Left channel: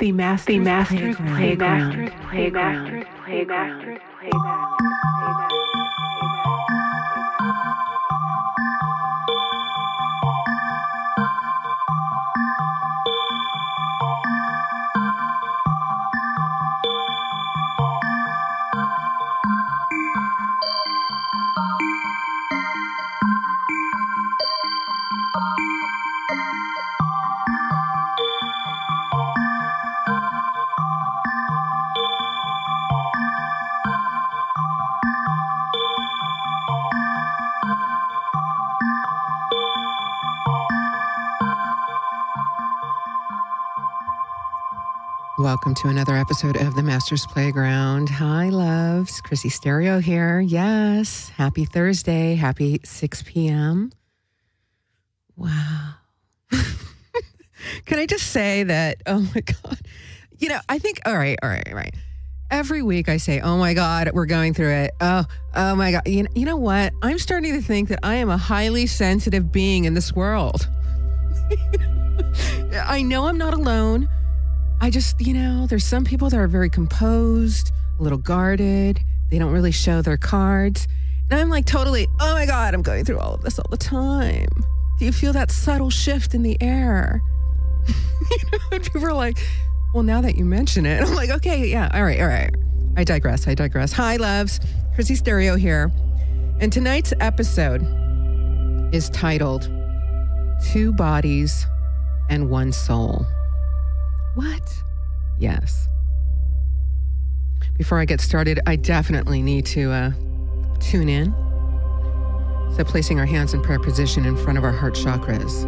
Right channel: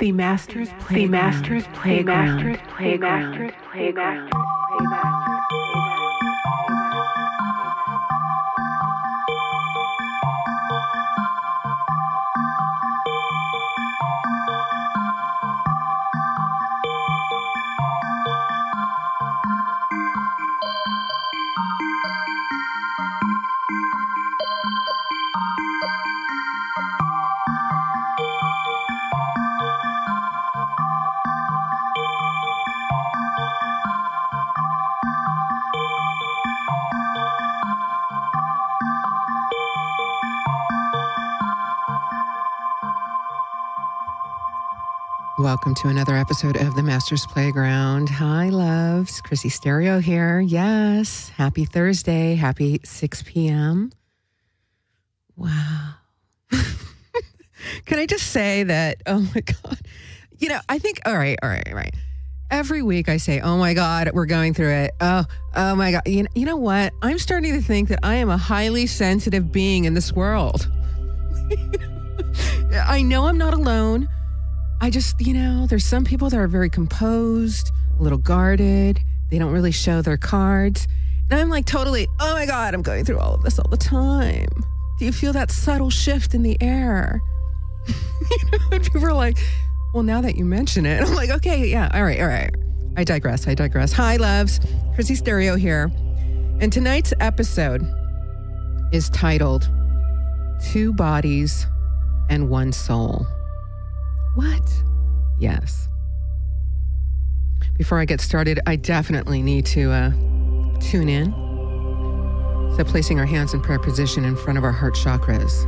The Master's Welcome to another episode of the Master's Playground. Hi, loves. Chrissy Stereo here. Yes. Happy Thursday. Happy 6 p.m. Wow. Can I just say that, oh my God. You know, I think, all right. Every week I say, oh my God, we're going through it. Oh my God. You know what? I'm starting to think that I am a highly sensitive being in this world. I know I'm not alone. I just, there's some people that are very composed, a little guarded. They don't really show their cards. And I'm like totally, oh my God, I'm going through all of this all the time. Do you feel that subtle shift in the air? And people are like, well, now that you mention it, I'm like, okay, yeah, all right. I digress. Hi, loves. Chrissy Stereo here. And tonight's episode is titled, 2 Bodies and 1 Soul. What? Yes. Before I get started, I definitely need to tune in. So placing our hands in prayer position in front of our heart chakras.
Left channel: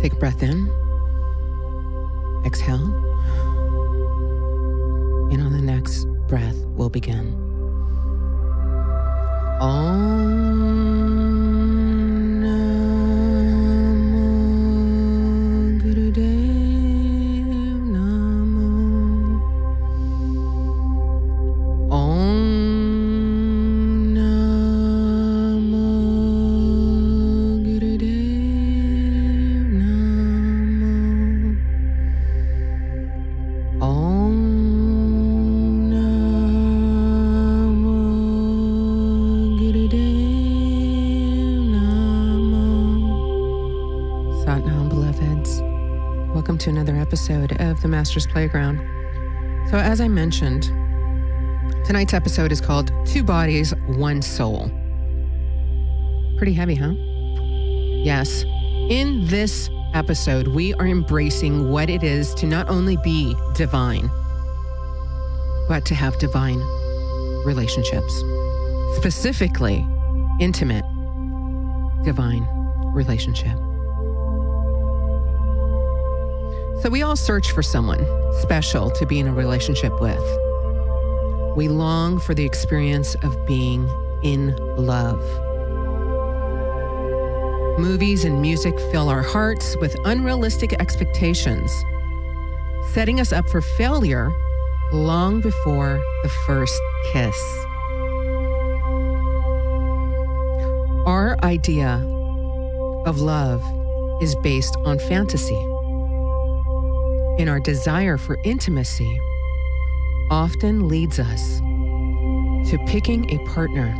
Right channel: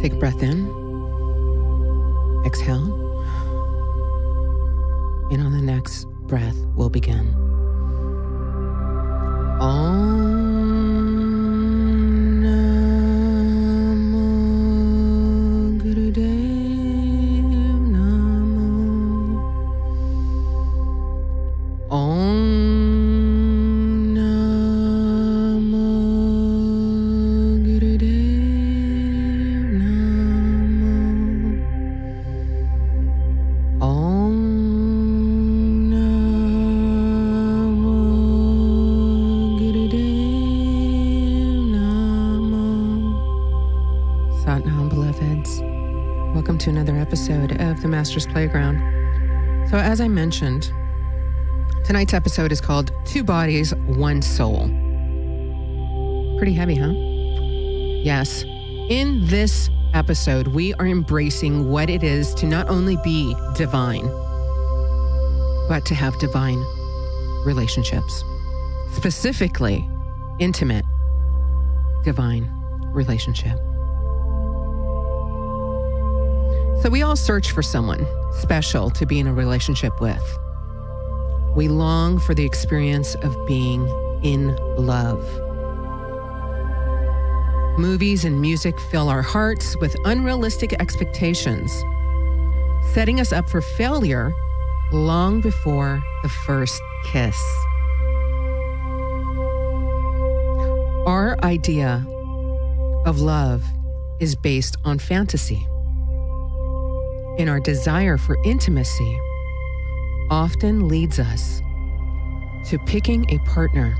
Take a breath in. Exhale. And on the next breath, we'll begin. To another episode of the Master's Playground. So as I mentioned, tonight's episode is called 2 Bodies, 1 Soul. Pretty heavy, huh? Yes. In this episode, we are embracing what it is to not only be divine, but to have divine relationships. Specifically, intimate, divine relationship. So we all search for someone special to be in a relationship with. We long for the experience of being in love. Movies and music fill our hearts with unrealistic expectations, setting us up for failure long before the first kiss. Our idea of love is based on fantasy. And our desire for intimacy often leads us to picking a partner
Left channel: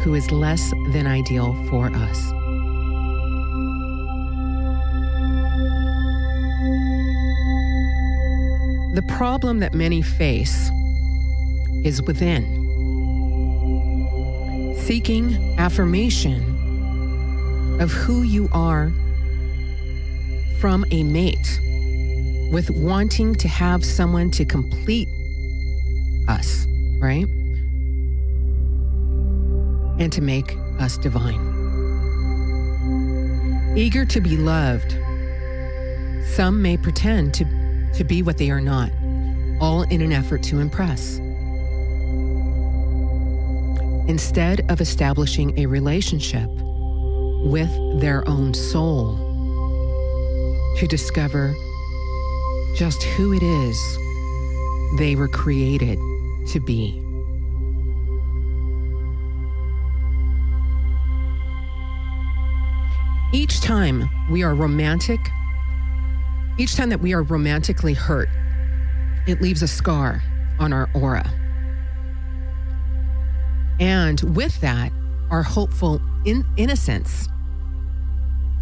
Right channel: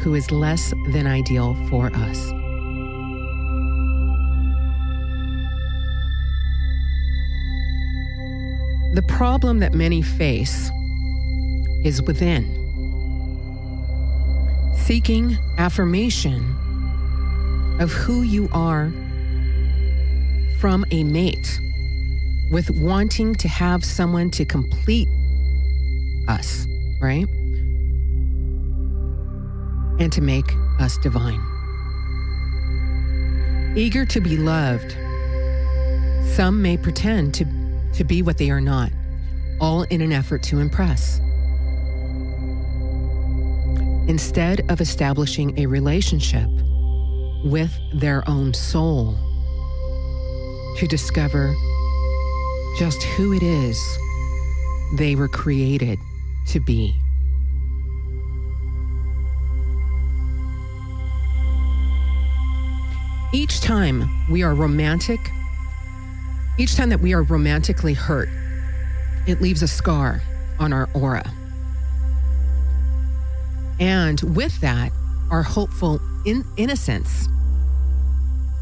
who is less than ideal for us. The problem that many face is within. Seeking affirmation of who you are from a mate, with wanting to have someone to complete us, right? And to make us divine. Eager to be loved, some may pretend to be what they are not, all in an effort to impress. Instead of establishing a relationship with their own soul to discover just who it is they were created to be. Each time we are romantic, Each time that we are romantically hurt, it leaves a scar on our aura. And with that, our hopeful innocence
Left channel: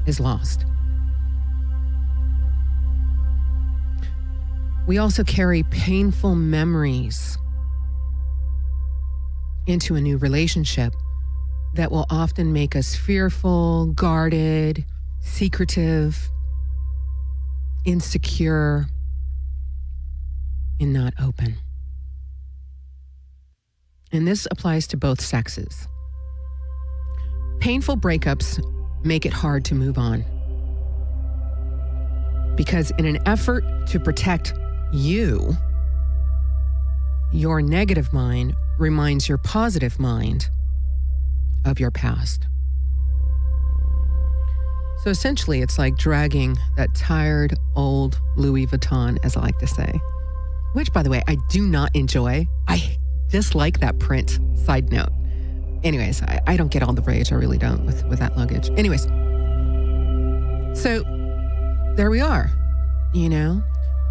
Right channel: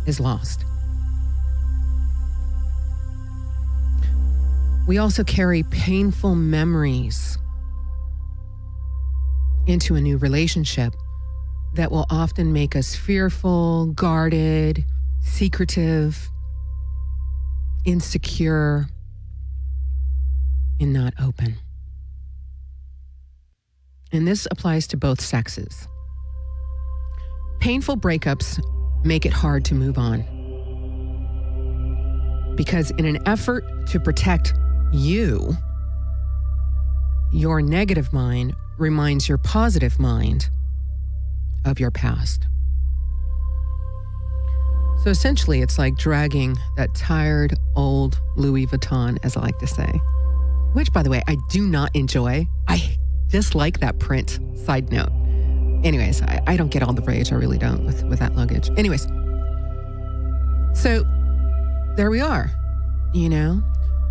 is lost. We also carry painful memories into a new relationship that will often make us fearful, guarded, secretive, insecure, and not open. And this applies to both sexes. Painful breakups make it hard to move on, because in an effort to protect you, your negative mind reminds your positive mind of your past. So essentially, it's like dragging that tired old Louis Vuitton, as I like to say, which, by the way, I do not enjoy. I dislike that print, side note. Anyways, I don't get all the rage. I really don't with that luggage. Anyways, so there we are. You know,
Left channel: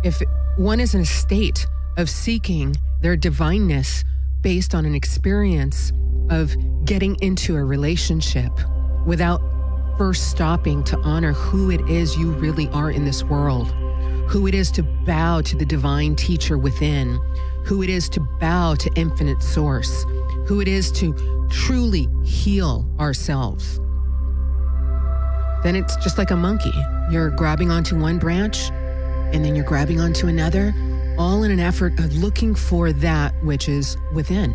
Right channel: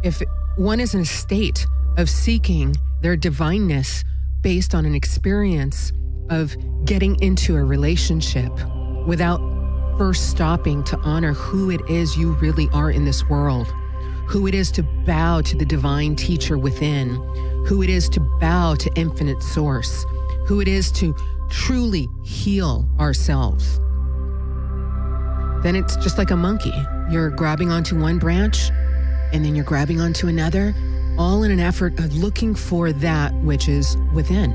if one is in a state of seeking their divineness based on an experience of getting into a relationship without first stopping to honor who it is you really are in this world, who it is to bow to the divine teacher within, who it is to bow to infinite source, who it is to truly heal ourselves, then it's just like a monkey. You're grabbing onto one branch and then you're grabbing onto another, all in an effort of looking for that which is within.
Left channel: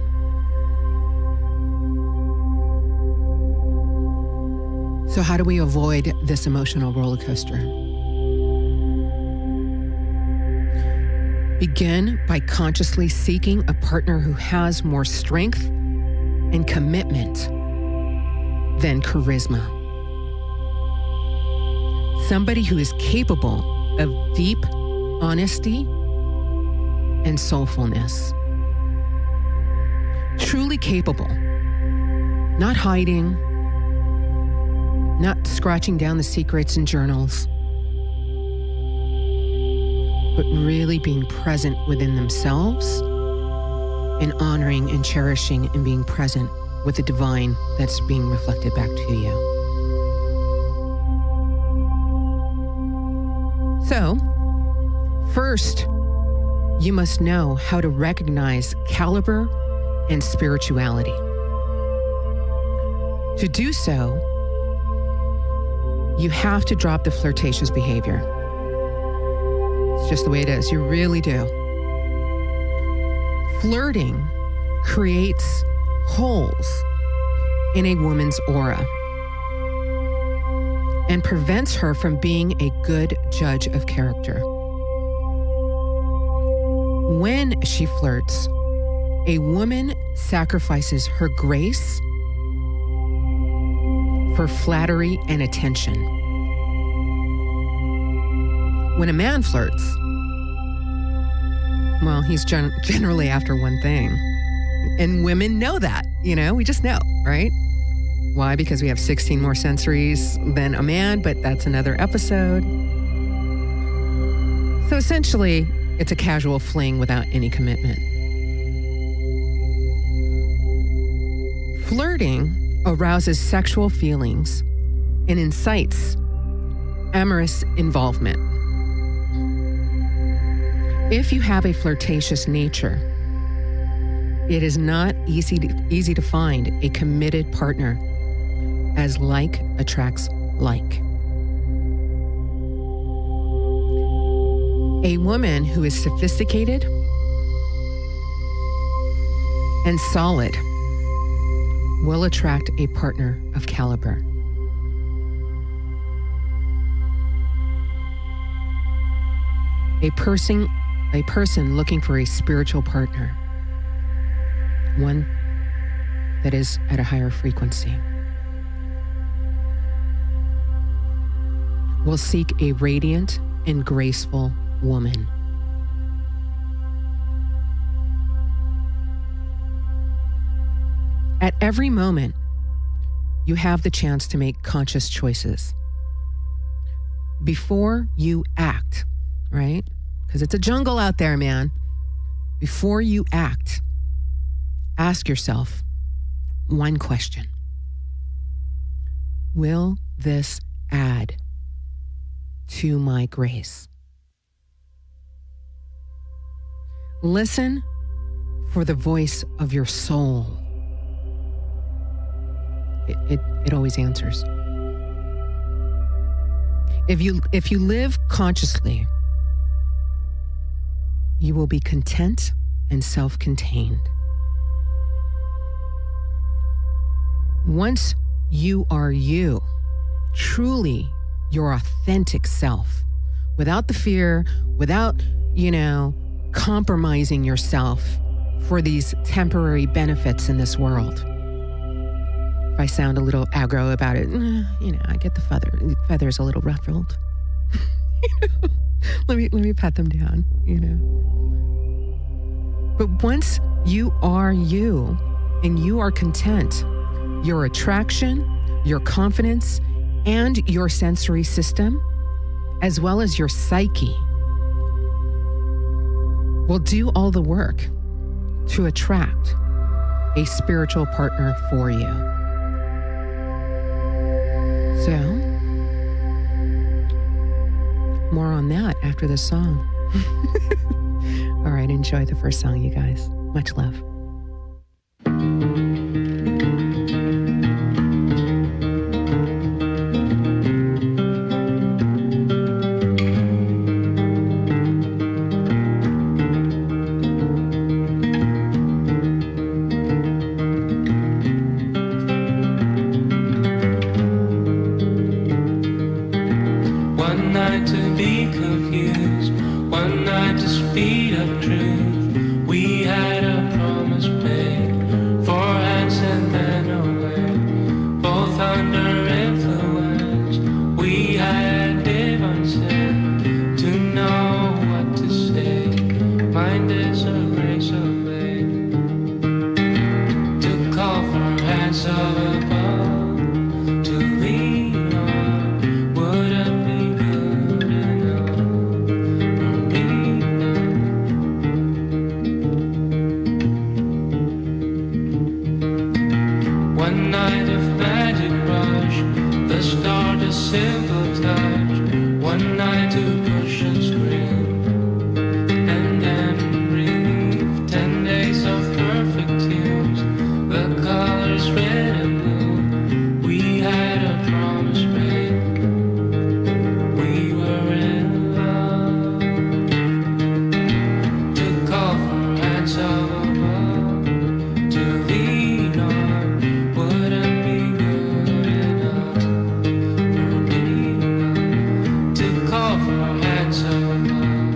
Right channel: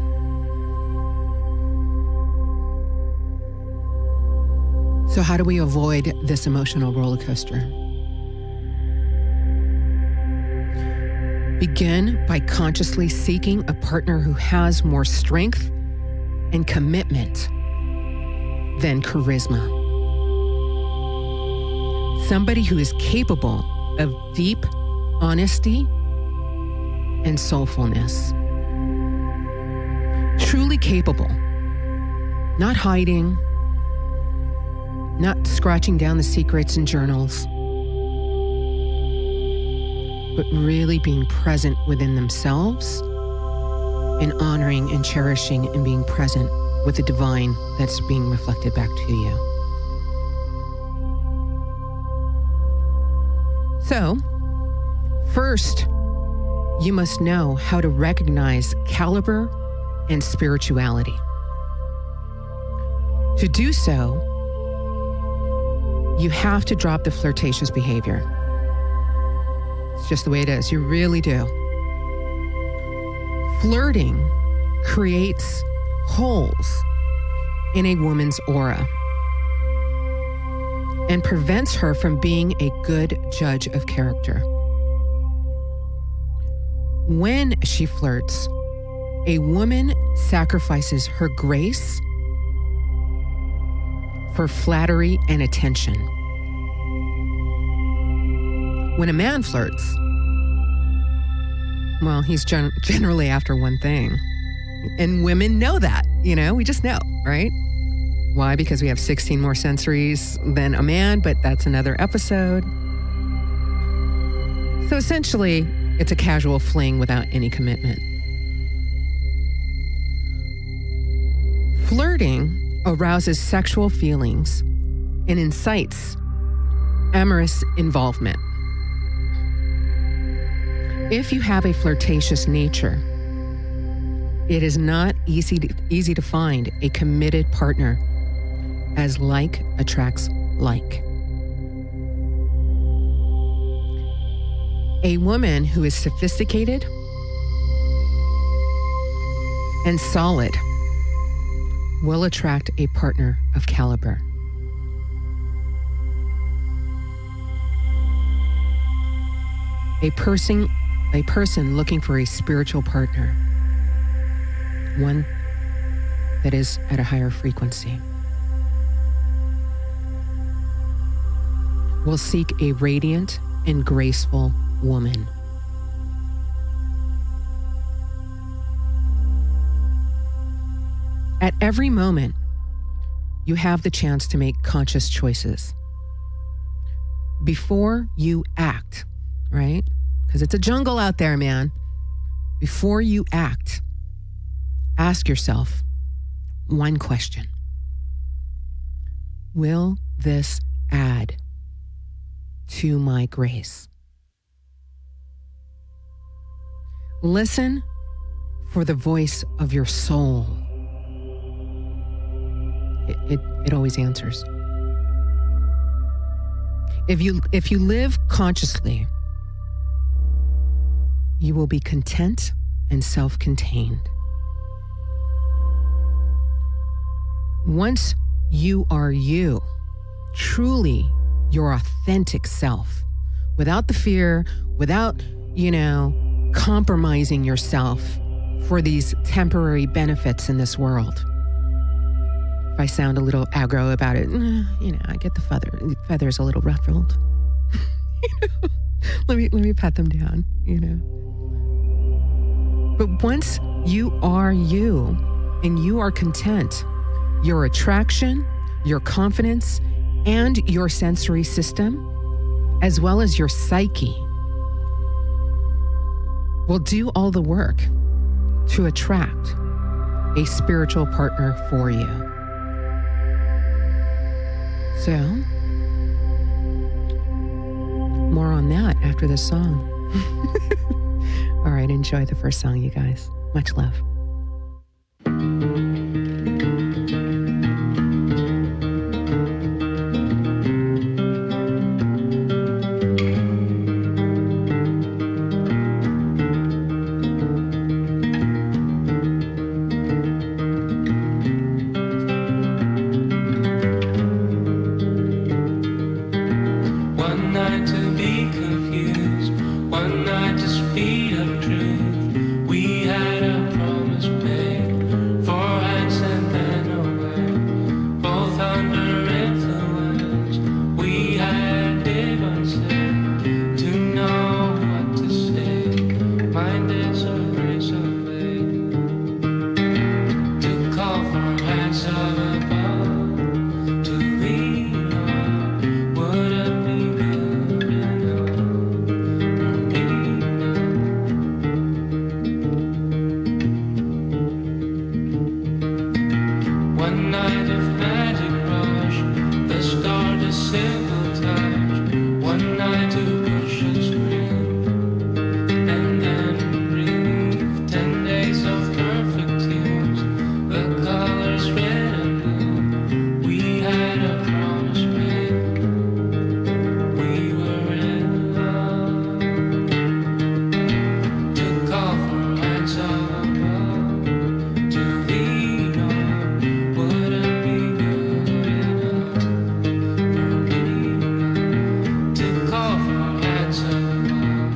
So how do we avoid this emotional roller coaster? Begin by consciously seeking a partner who has more strength and commitment than charisma. Somebody who is capable of deep honesty and soulfulness. Truly capable, not hiding, not scratching down the secrets and journals, but really being present within themselves and honoring and cherishing and being present with the divine that's being reflected back to you. So, first, you must know how to recognize caliber and spirituality. To do so, you have to drop the flirtatious behavior. It's just the way it is. You really do. Flirting creates holes in a woman's aura and prevents her from being a good judge of character. When she flirts, a woman sacrifices her grace for flattery and attention. When a man flirts, well, he's generally after one thing. And women know that, we just know, right? Why? Because we have 16 more sensories than a man, but that's another episode. So essentially, it's a casual fling without any commitment. Flirting arouses sexual feelings and incites amorous involvement. If you have a flirtatious nature, it is not easy to find a committed partner, as like attracts like. A woman who is sophisticated and solid will attract a partner of caliber. A person looking for a spiritual partner, one that is at a higher frequency, will seek a radiant and graceful woman. At every moment, you have the chance to make conscious choices. Before you act, right? Because it's a jungle out there, man. Before you act, ask yourself one question. Will this add to my grace? Listen for the voice of your soul. It always answers. If you live consciously, you will be content and self-contained. Once you are you, truly your authentic self, without the fear, without, compromising yourself for these temporary benefits in this world. If I sound a little aggro about it, I get the feathers a little ruffled. Let me pat them down, But once you are you and you are content, your attraction, your confidence, and your sensory system, as well as your psyche, will do all the work to attract a spiritual partner for you. So, more on that after this song. All right, enjoy the first song, you guys. Much love. One night to be confused, one night to speed up truth. We had a promise made, 4 hands and then away, both under influence. We had divine sense to know what to say. Mind is a razor blade to call for hands of above to lean on. Would it be good enough for me now? One night of magic rush, the start a simple touch. One night to push and scream, and then relief. 10 days of perfect tunes, the colors red and blue. We had a promise made, we were in love. To call for hands of above to lean on. Would it be good enough for me now? To call for hands of above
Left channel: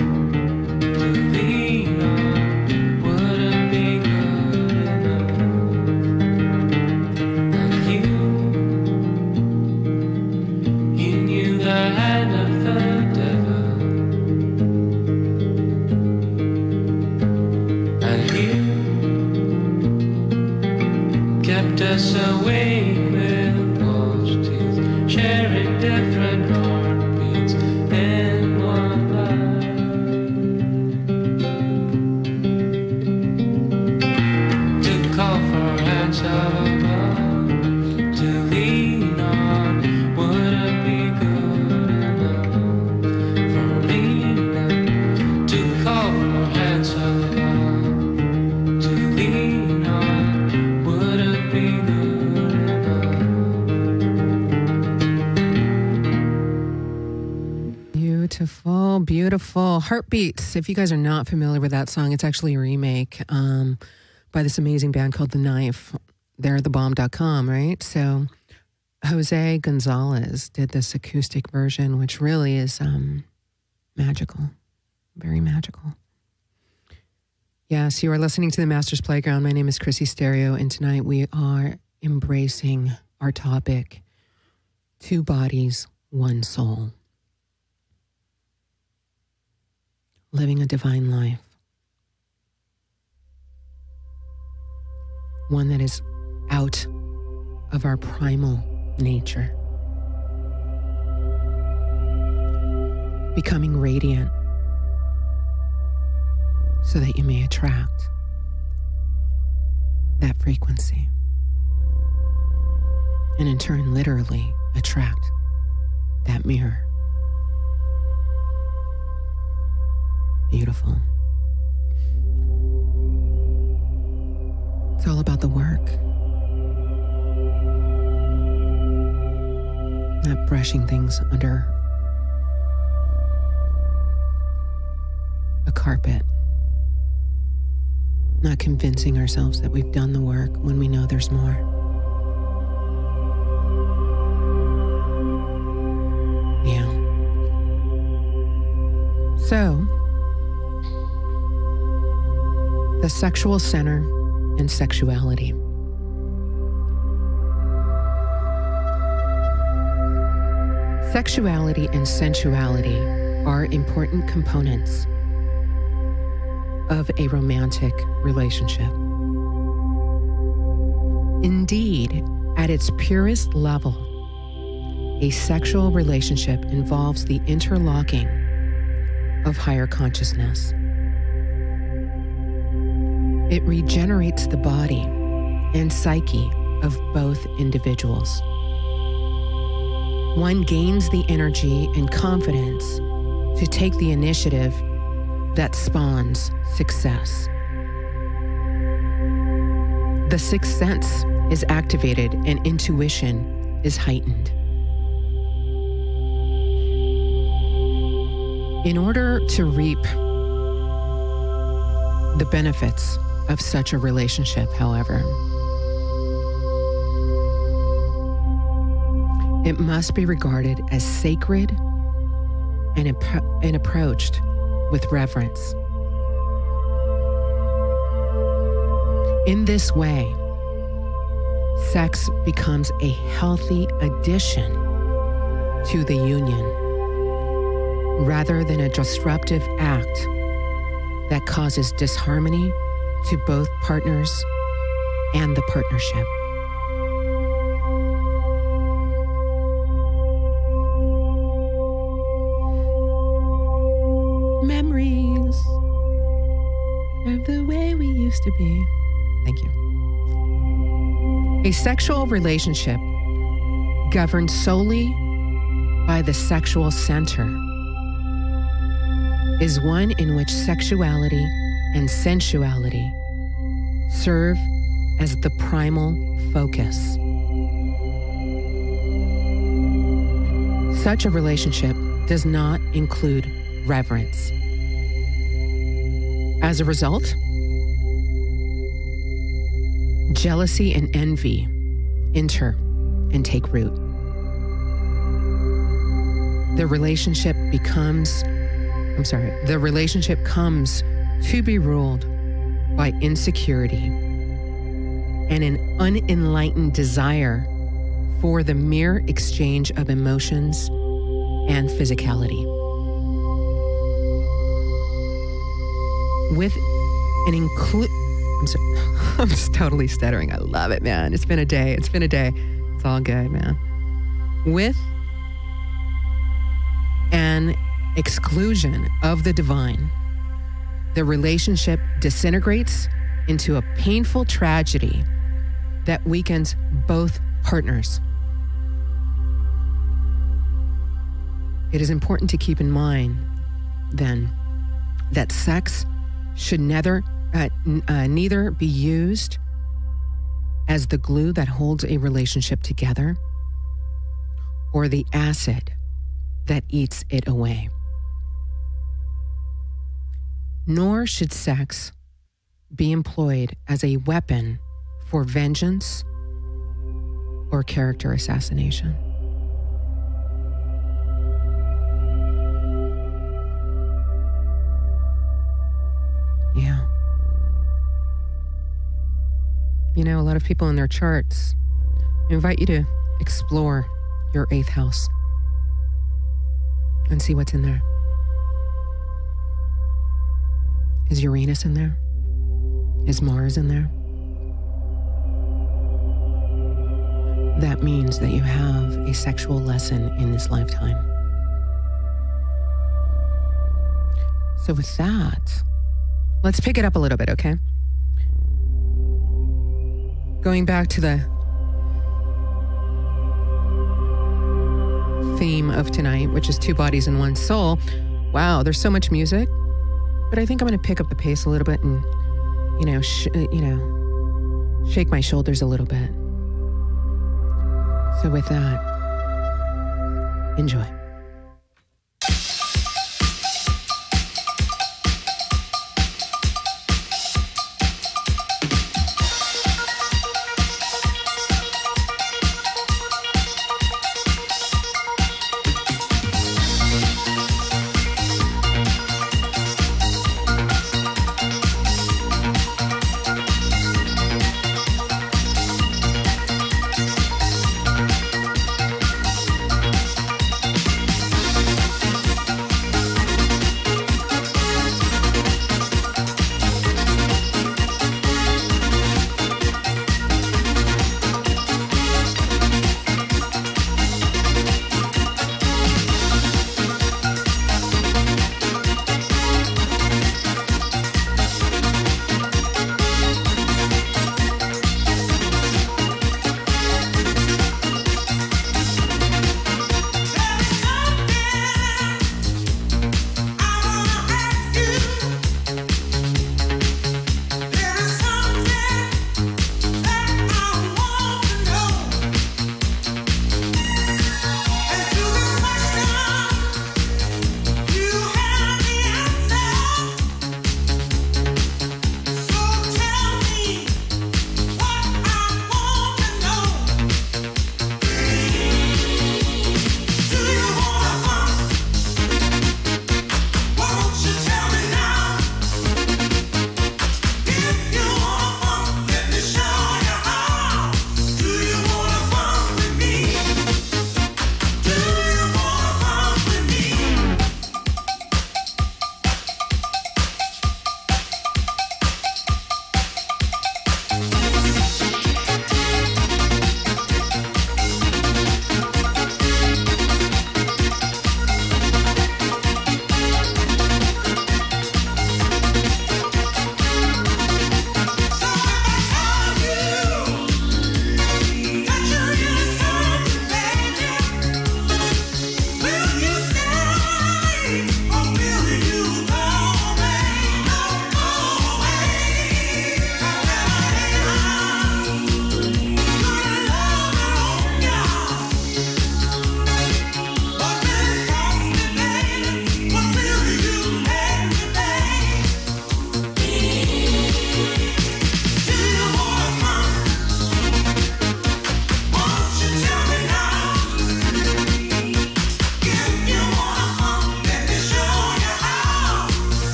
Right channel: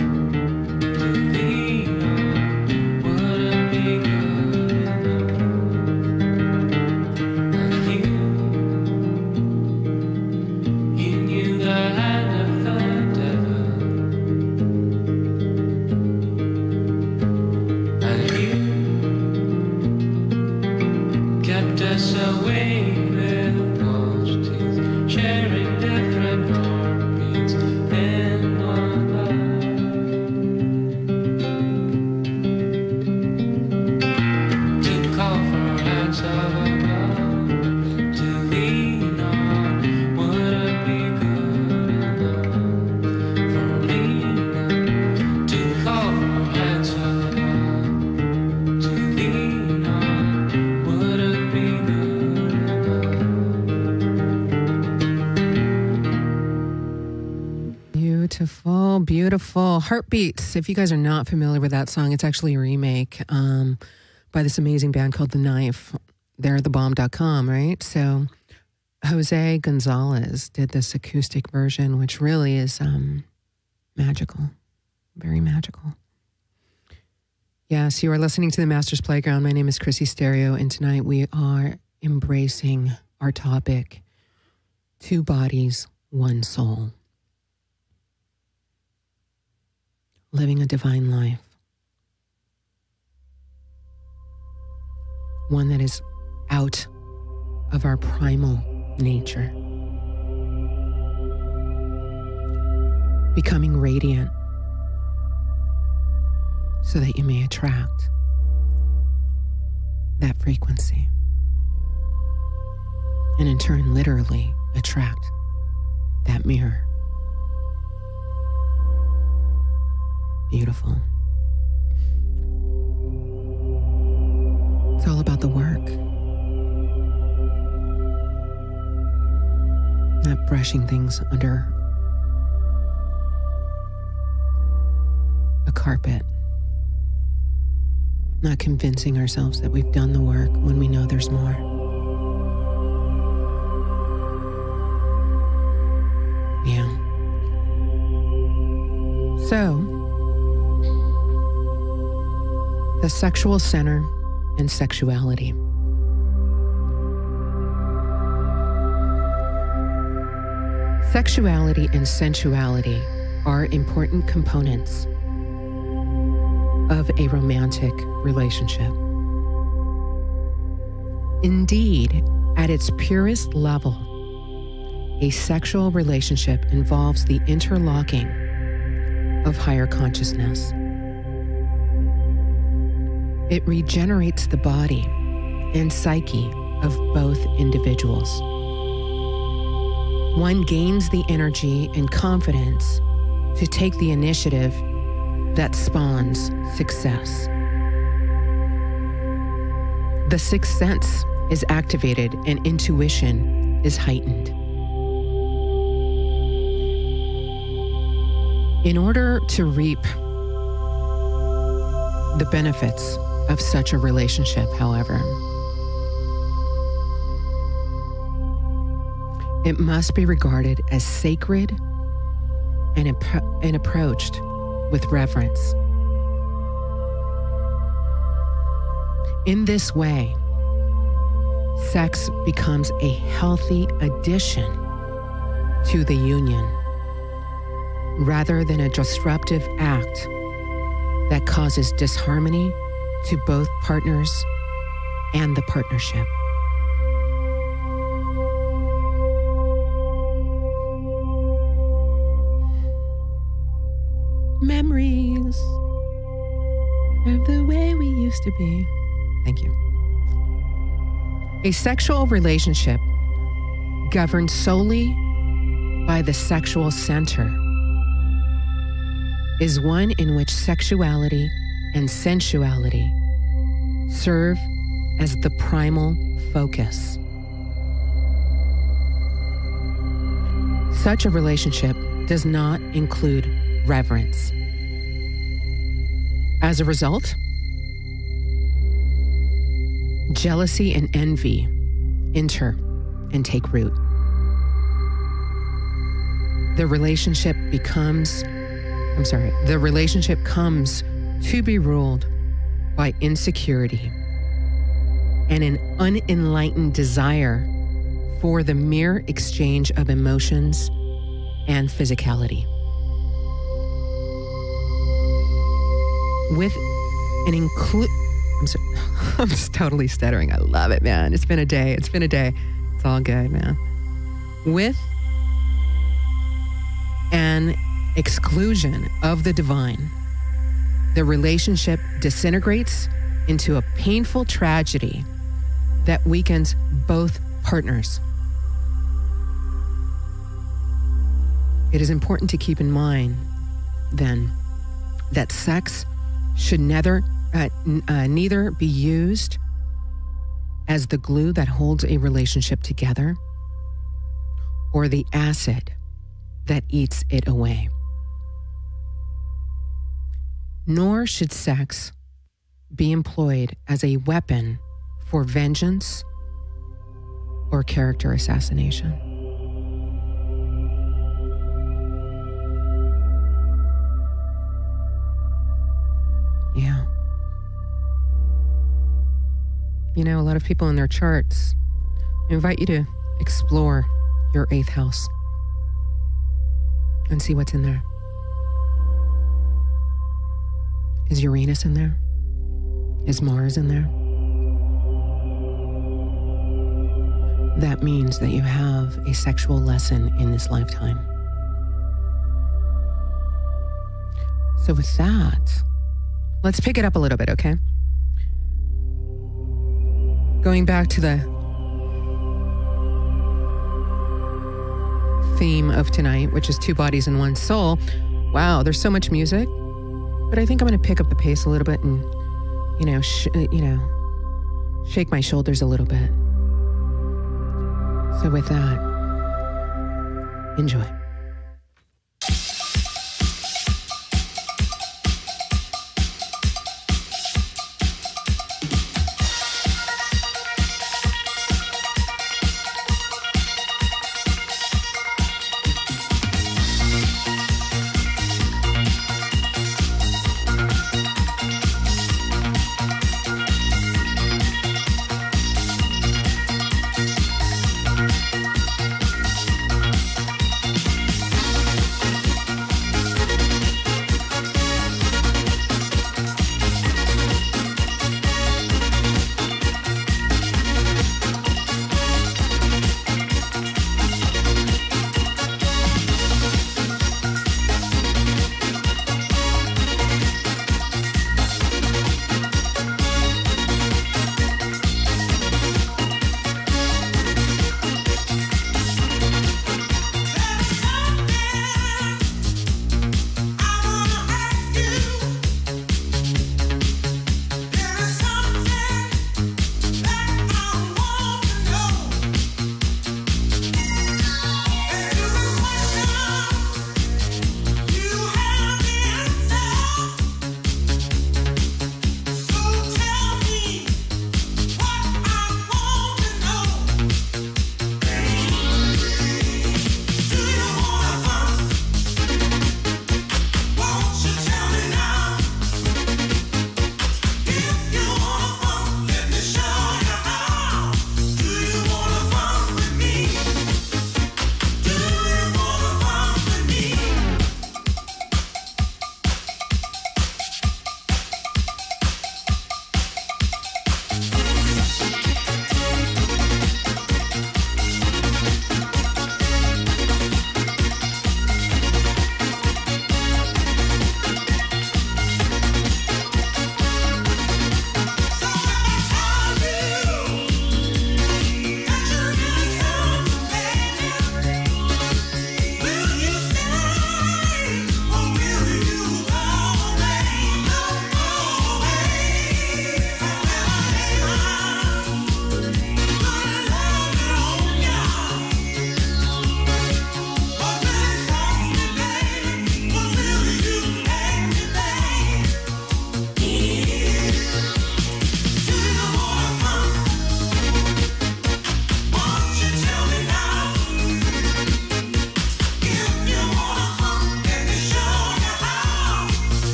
to lean on. Would it be good enough? And you knew the hand of the devil, and you kept us awake with closed teeth, sharing different heartbeats in one life. To call for hands of above to lean on. Would it be good enough for me now? To call for hands of above to lean on. Would it be good enough? Beautiful, beautiful. Heartbeats. If you guys are not familiar with that song, it's actually a remake by this amazing band called The Knife. They're thebomb.com, right? So Jose Gonzalez did this acoustic version, which really is magical, very magical. Yes, you are listening to the Master's Playground. My name is Chrissy Stereo, and tonight we are embracing our topic, 2 bodies, 1 soul. Living a divine life. One that is out of our primal nature. Becoming radiant so that you may attract that frequency. And in turn, literally attract that mirror. Beautiful. It's all about the work. Not brushing things under a carpet. Not convincing ourselves that we've done the work when we know there's more. Yeah. So, the sexual center and sexuality. Sexuality and sensuality are important components of a romantic relationship. Indeed, at its purest level, a sexual relationship involves the interlocking of higher consciousness. It regenerates the body and psyche of both individuals. One gains the energy and confidence to take the initiative that spawns success. The sixth sense is activated and intuition is heightened. In order to reap the benefits of such a relationship, however, it must be regarded as sacred and approached with reverence. In this way, sex becomes a healthy addition to the union, rather than a disruptive act that causes disharmony to both partners and the partnership. Memories of the way we used to be. Thank you. A sexual relationship governed solely by the sexual center is one in which sexuality and sensuality serve as the primal focus. Such a relationship does not include reverence. As a result, jealousy and envy enter and take root. The relationship comes to be ruled by insecurity and an unenlightened desire for the mere exchange of emotions and physicality. With an I'm just totally stuttering. I love it, man. It's been a day. It's all good, man. With an exclusion of the divine, the relationship disintegrates into a painful tragedy that weakens both partners. It is important to keep in mind, then, that sex should neither be used as the glue that holds a relationship together or the acid that eats it away. Nor should sex be employed as a weapon for vengeance or character assassination. Yeah. You know, a lot of people in their charts invite you to explore your 8th house and see what's in there. Is Uranus in there? Is Mars in there? That means that you have a sexual lesson in this lifetime. So with that, Let's pick it up a little bit, okay? Going back to the theme of tonight, which is two bodies and one soul. Wow, there's so much music, but I think I'm going to pick up the pace a little bit and, shake my shoulders a little bit. So with that, enjoy.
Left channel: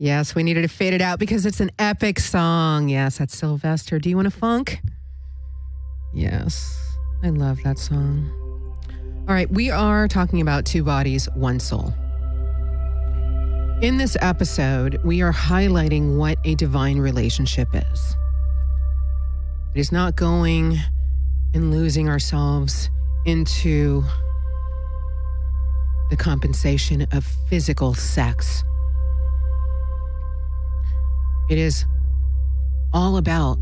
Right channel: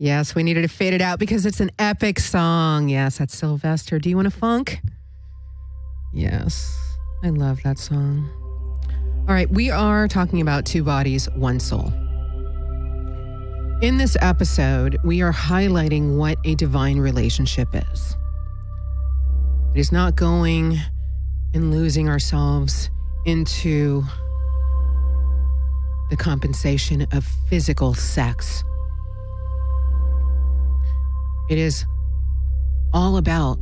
Yes, we needed to fade it out because it's an epic song. Yes, that's Sylvester. Do you want a funk? Yes, I love that song. All right, we are talking about two bodies, one soul. In this episode, we are highlighting what a divine relationship is. It is not going and losing ourselves into the compensation of physical sex. It is all about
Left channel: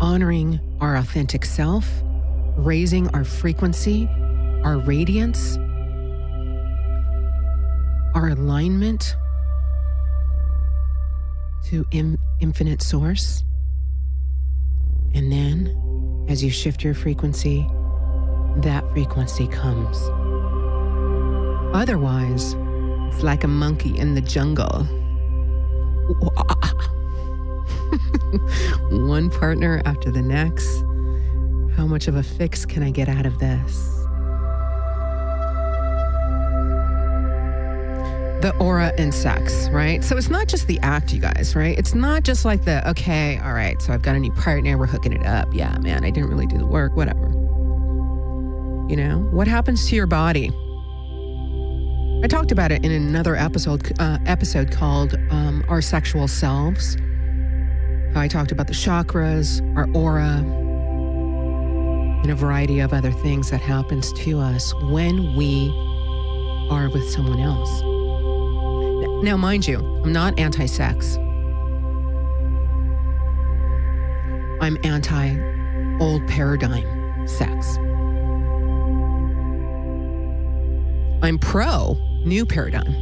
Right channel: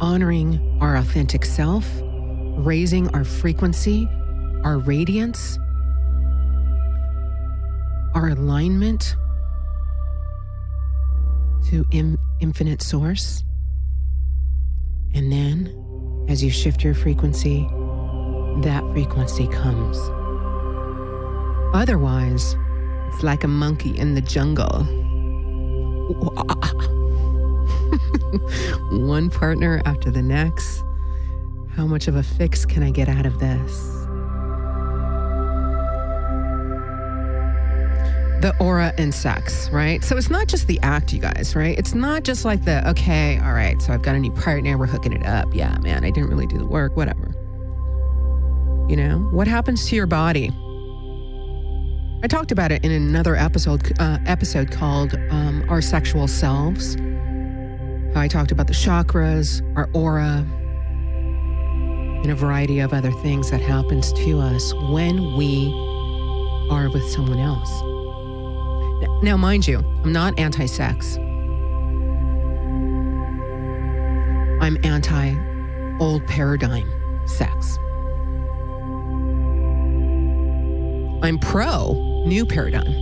honoring our authentic self, raising our frequency, our radiance, our alignment to infinite source. And then, as you shift your frequency, that frequency comes. Otherwise, it's like a monkey in the jungle. One partner after the next. How much of a fix can I get out of this? The aura and sex, right? So it's not just the act, you guys, right? It's not just like okay, all right, so I've got a new partner, we're hooking it up. Yeah, man, I didn't really do the work, whatever. You know, what happens to your body? I talked about it in another episode called Our Sexual Selves. How I talked about the chakras, our aura, and a variety of other things that happens to us when we are with someone else. Now, mind you, I'm not anti-sex. I'm anti-old paradigm sex. I'm pro new paradigm.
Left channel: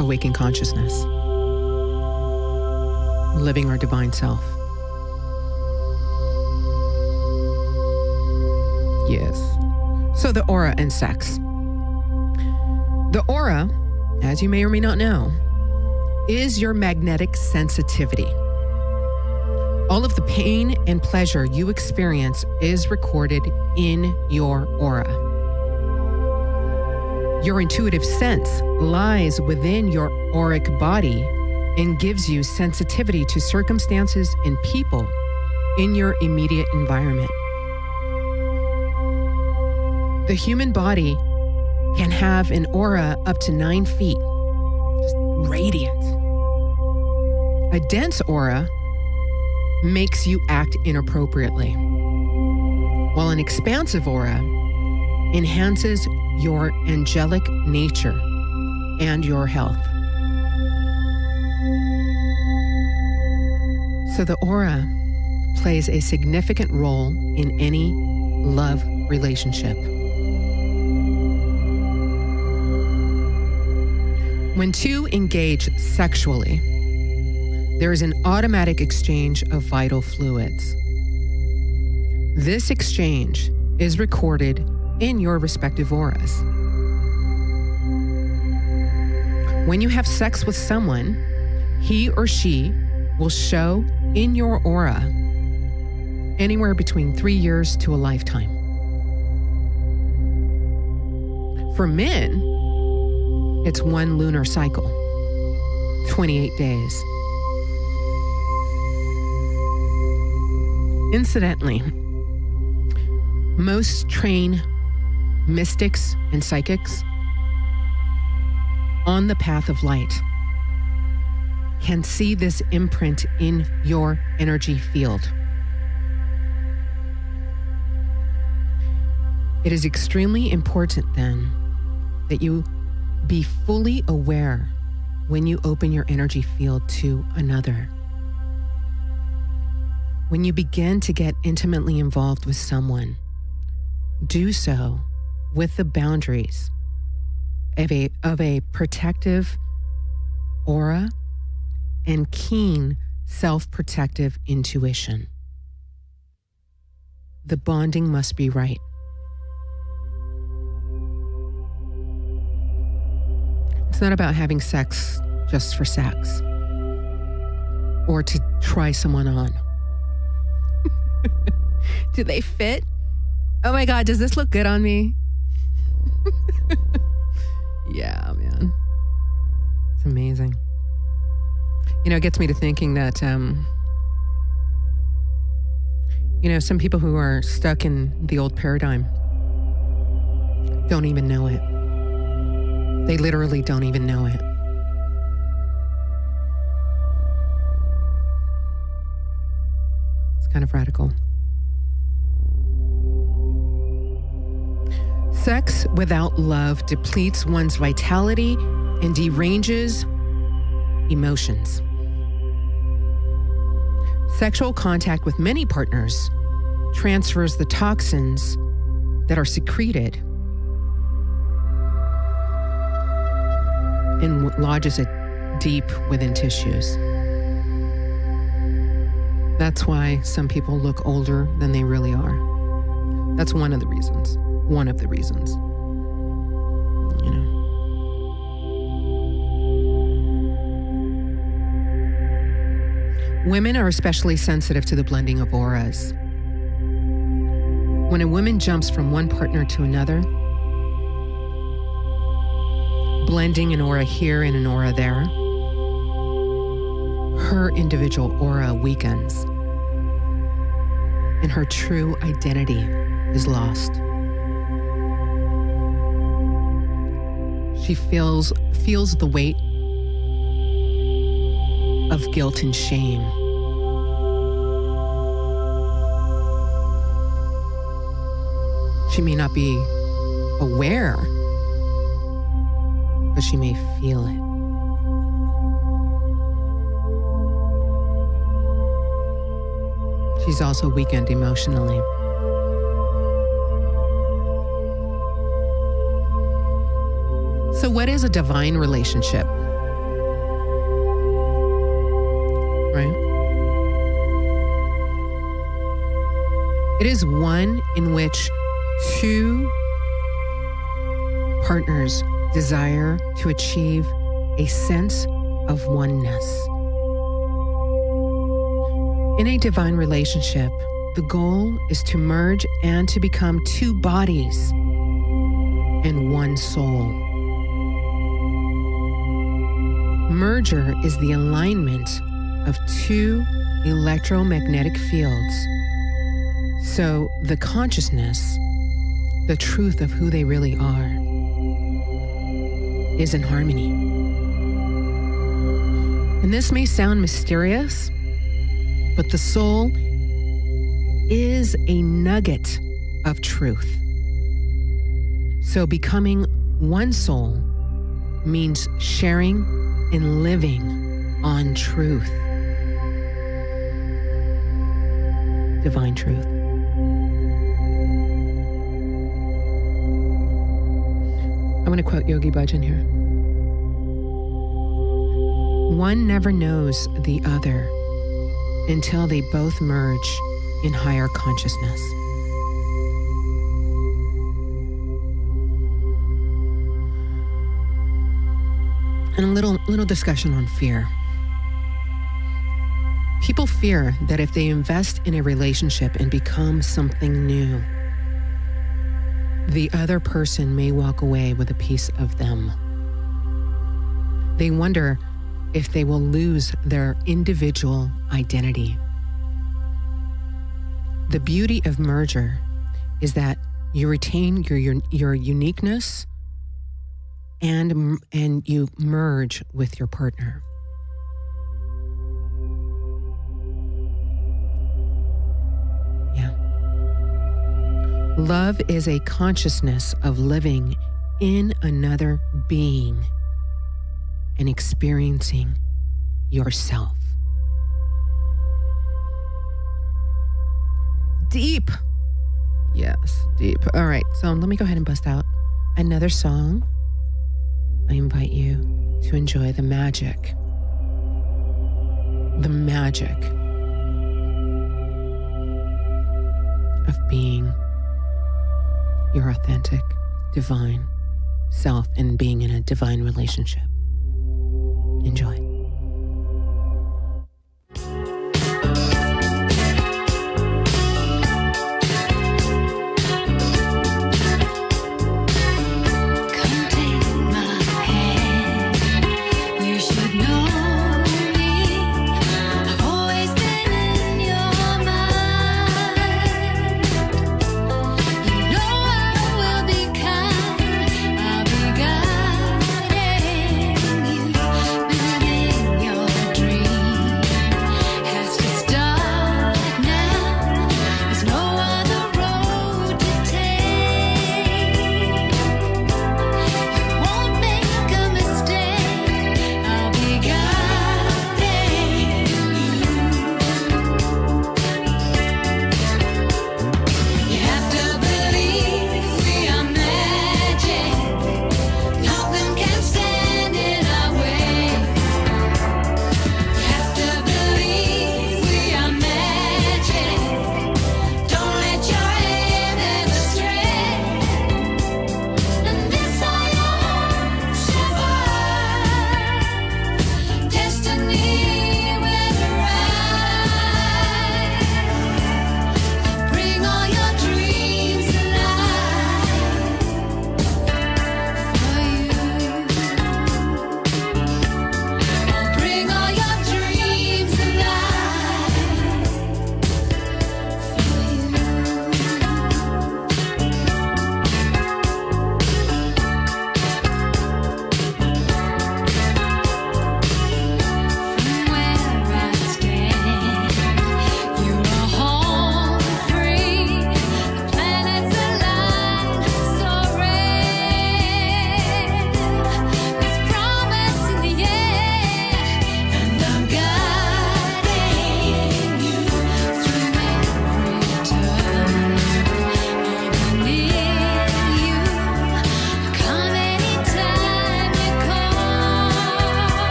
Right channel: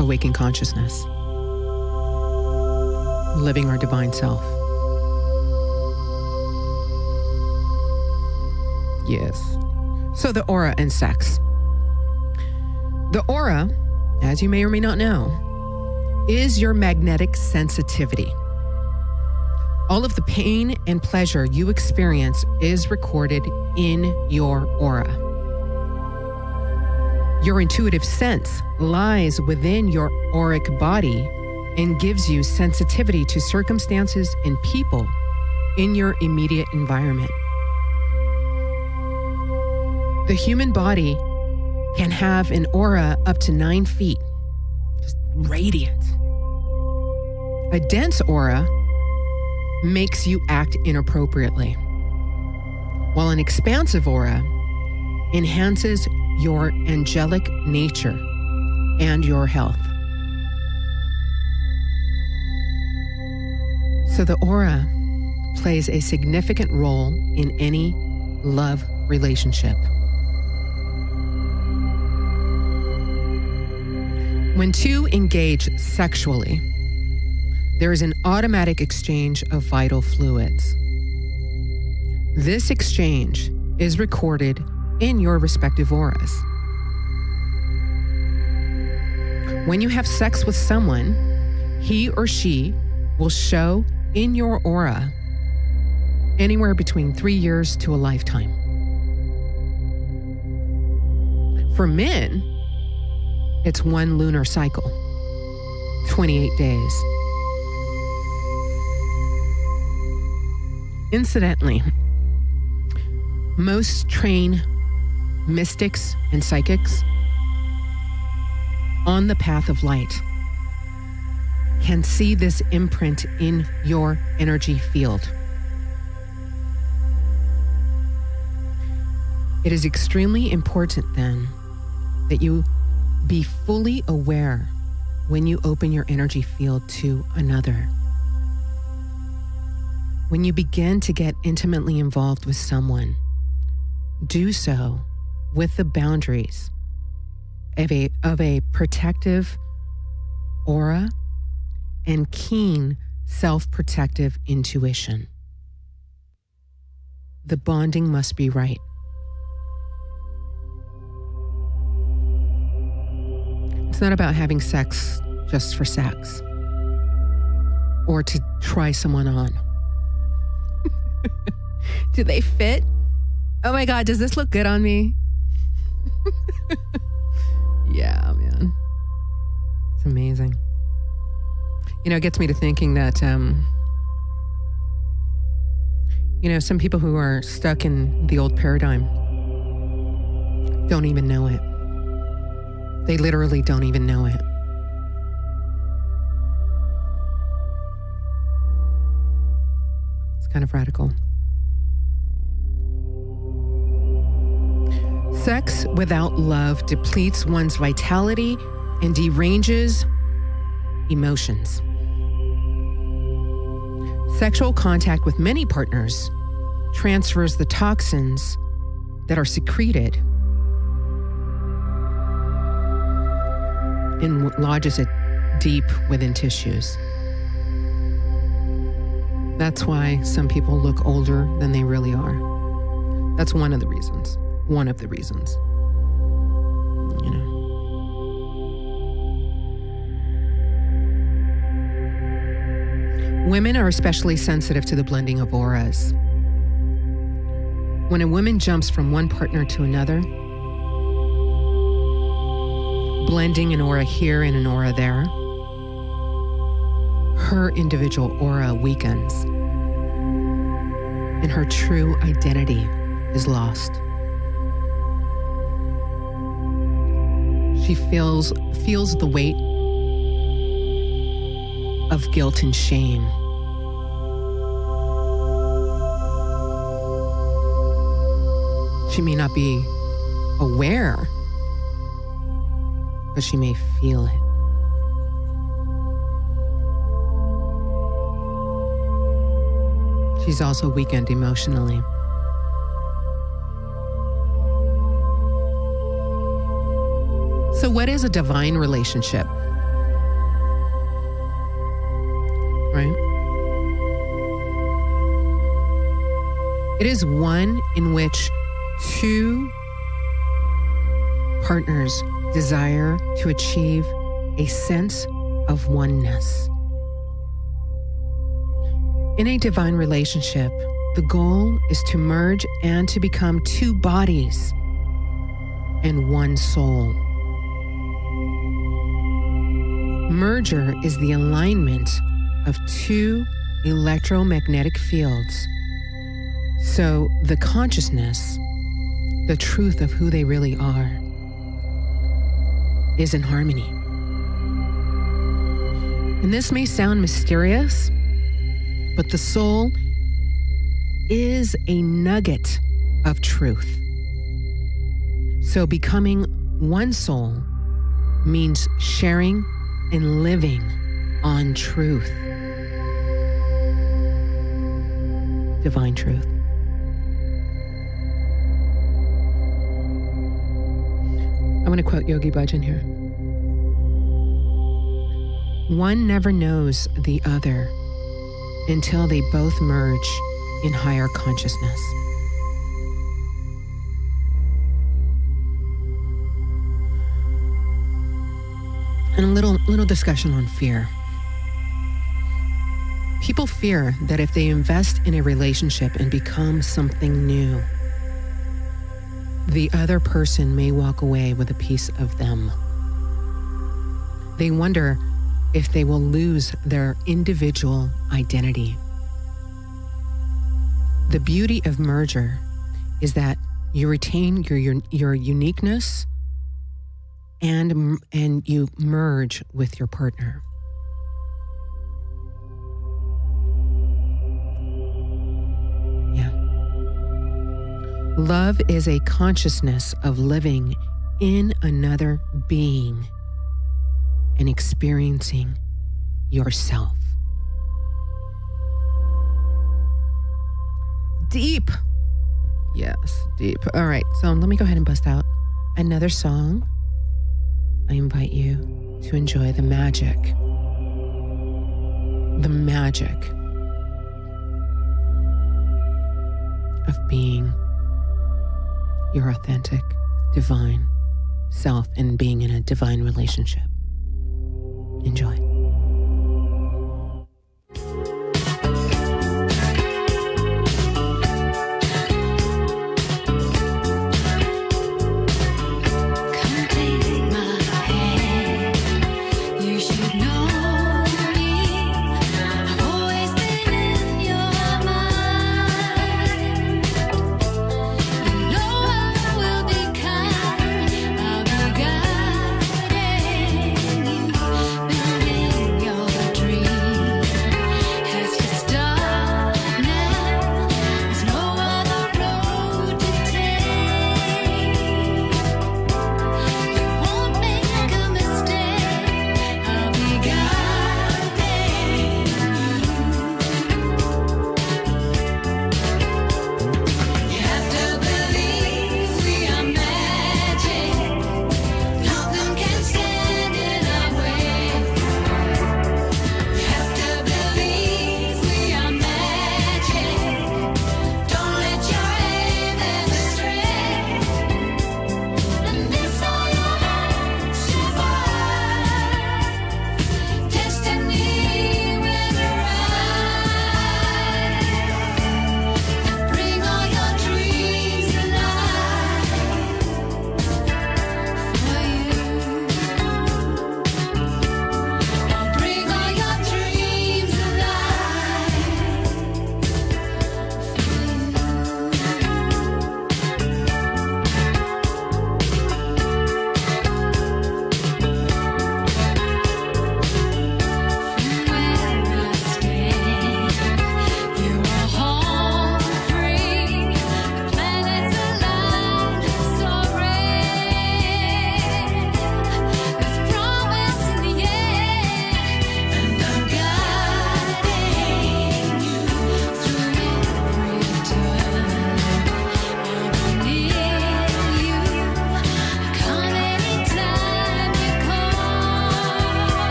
Awaken consciousness. Living our divine self. Yes. So the aura and sex. The aura, as you may or may not know, is your magnetic sensitivity. All of the pain and pleasure you experience is recorded in your aura. Your intuitive sense lies within your auric body and gives you sensitivity to circumstances and people in your immediate environment. The human body can have an aura up to 9 feet, just radiant. A dense aura makes you act inappropriately, while an expansive aura enhances your angelic nature and your health. So the aura plays a significant role in any love relationship. When two engage sexually, there is an automatic exchange of vital fluids. This exchange is recorded in your respective auras. When you have sex with someone, he or she will show in your aura anywhere between 3 years to a lifetime. For men, it's 1 lunar cycle, 28 days. Incidentally, most train mystics and psychics on the path of light can see this imprint in your energy field. It is extremely important then that you be fully aware when you open your energy field to another. When you begin to get intimately involved with someone, do so with the boundaries of a protective aura and keen self-protective intuition. The bonding must be right. It's not about having sex just for sex or to try someone on. Do they fit? Oh my God, does this look good on me? Yeah, man. amazing. You know, it gets me to thinking that, you know, some people who are stuck in the old paradigm don't even know it. They literally don't even know it. It's kind of radical. Sex without love depletes one's vitality and deranges emotions. Sexual contact with many partners transfers the toxins that are secreted and lodges it deep within tissues. That's why some people look older than they really are. That's one of the reasons. One of the reasons. You know. Women are especially sensitive to the blending of auras. When a woman jumps from one partner to another, blending an aura here and an aura there, her individual aura weakens and her true identity is lost. She feels the weight of guilt and shame. She may not be aware, but she may feel it. She's also weakened emotionally. So what is a divine relationship? Right? It is one in which two partners desire to achieve a sense of oneness. In a divine relationship, the goal is to merge and to become two bodies and one soul. Merger is the alignment of two electromagnetic fields. So the consciousness, the truth of who they really are, is in harmony. And this may sound mysterious, but the soul is a nugget of truth. So becoming one soul means sharing and living on truth. Divine truth. I'm going to quote Yogi Bhajan here. One never knows the other until they both merge in higher consciousness. And a little discussion on fear. People fear that if they invest in a relationship and become something new, the other person may walk away with a piece of them. They wonder if they will lose their individual identity. The beauty of merger is that you retain your uniqueness and you merge with your partner. Yeah. Love is a consciousness of living in another being and experiencing yourself. Deep. Yes, deep. All right, so let me go ahead and bust out another song. I invite you to enjoy the magic of being your authentic, divine self and being in a divine relationship. Enjoy. Come take my hand. You should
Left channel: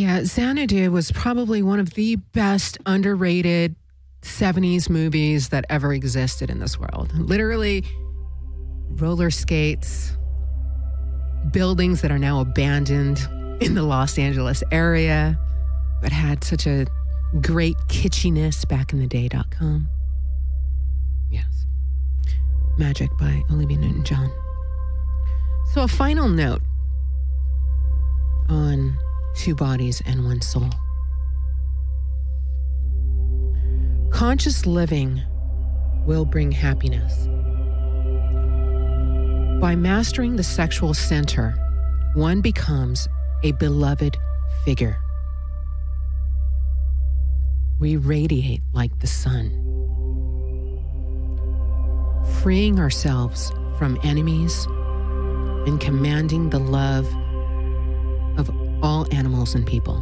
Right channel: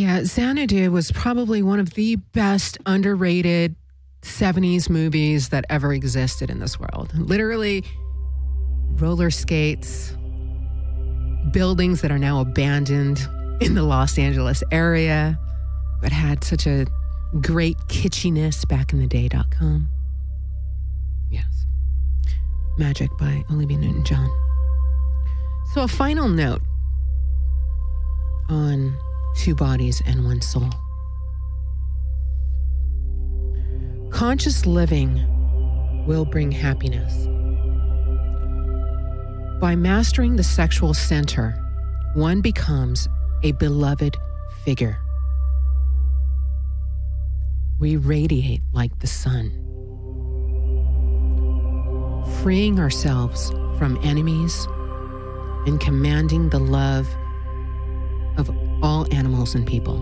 Yeah, Xanadu was probably one of the best underrated 70s movies that ever existed in this world. Literally, roller skates, buildings that are now abandoned in the Los Angeles area, but had such a great kitschiness back in the day.com. Yes. Magic by Olivia Newton-John. So a final note on Two Bodies and One Soul. Conscious living will bring happiness. By mastering the sexual center, one becomes a beloved figure. We radiate like the sun, freeing ourselves from enemies and commanding the love of all animals and people.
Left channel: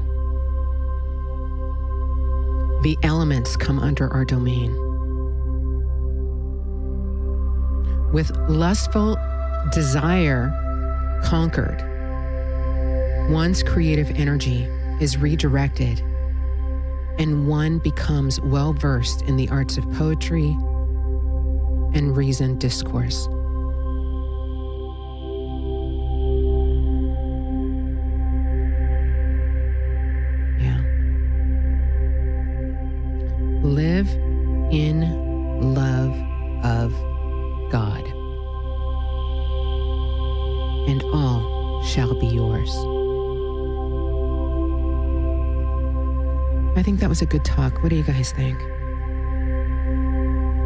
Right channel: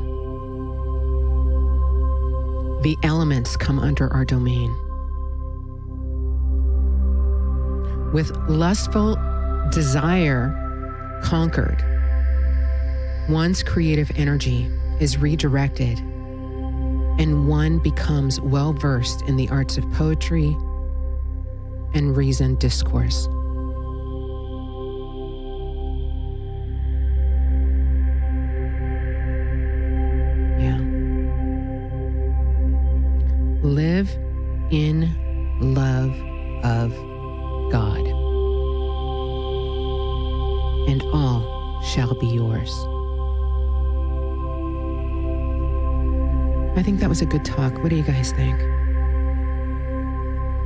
The elements come under our domain. With lustful desire conquered, one's creative energy is redirected and one becomes well-versed in the arts of poetry and reasoned discourse. Yeah. Live in love of God, and all shall be yours. I think that was a good talk. What do you guys think?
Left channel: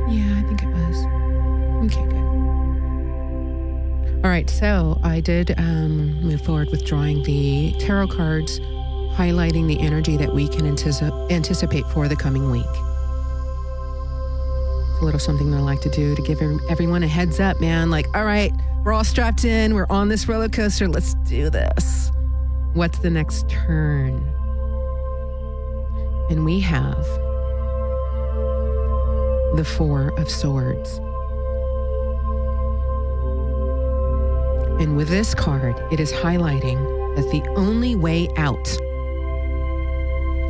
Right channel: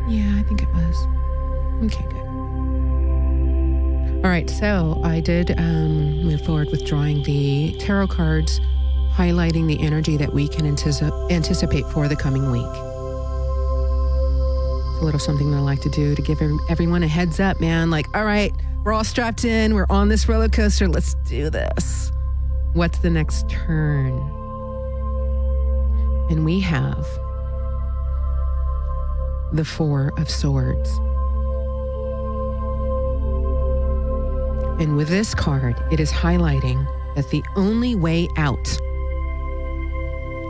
Yeah, I think it was. Okay, good. All right, so I did move forward with drawing the tarot cards, highlighting the energy that we can anticipate for the coming week. It's a little something that I like to do to give everyone a heads up, man. Like, all right, we're all strapped in. We're on this roller coaster. Let's do this. What's the next turn? And we have the Four of Swords. And with this card, it is highlighting that the only way out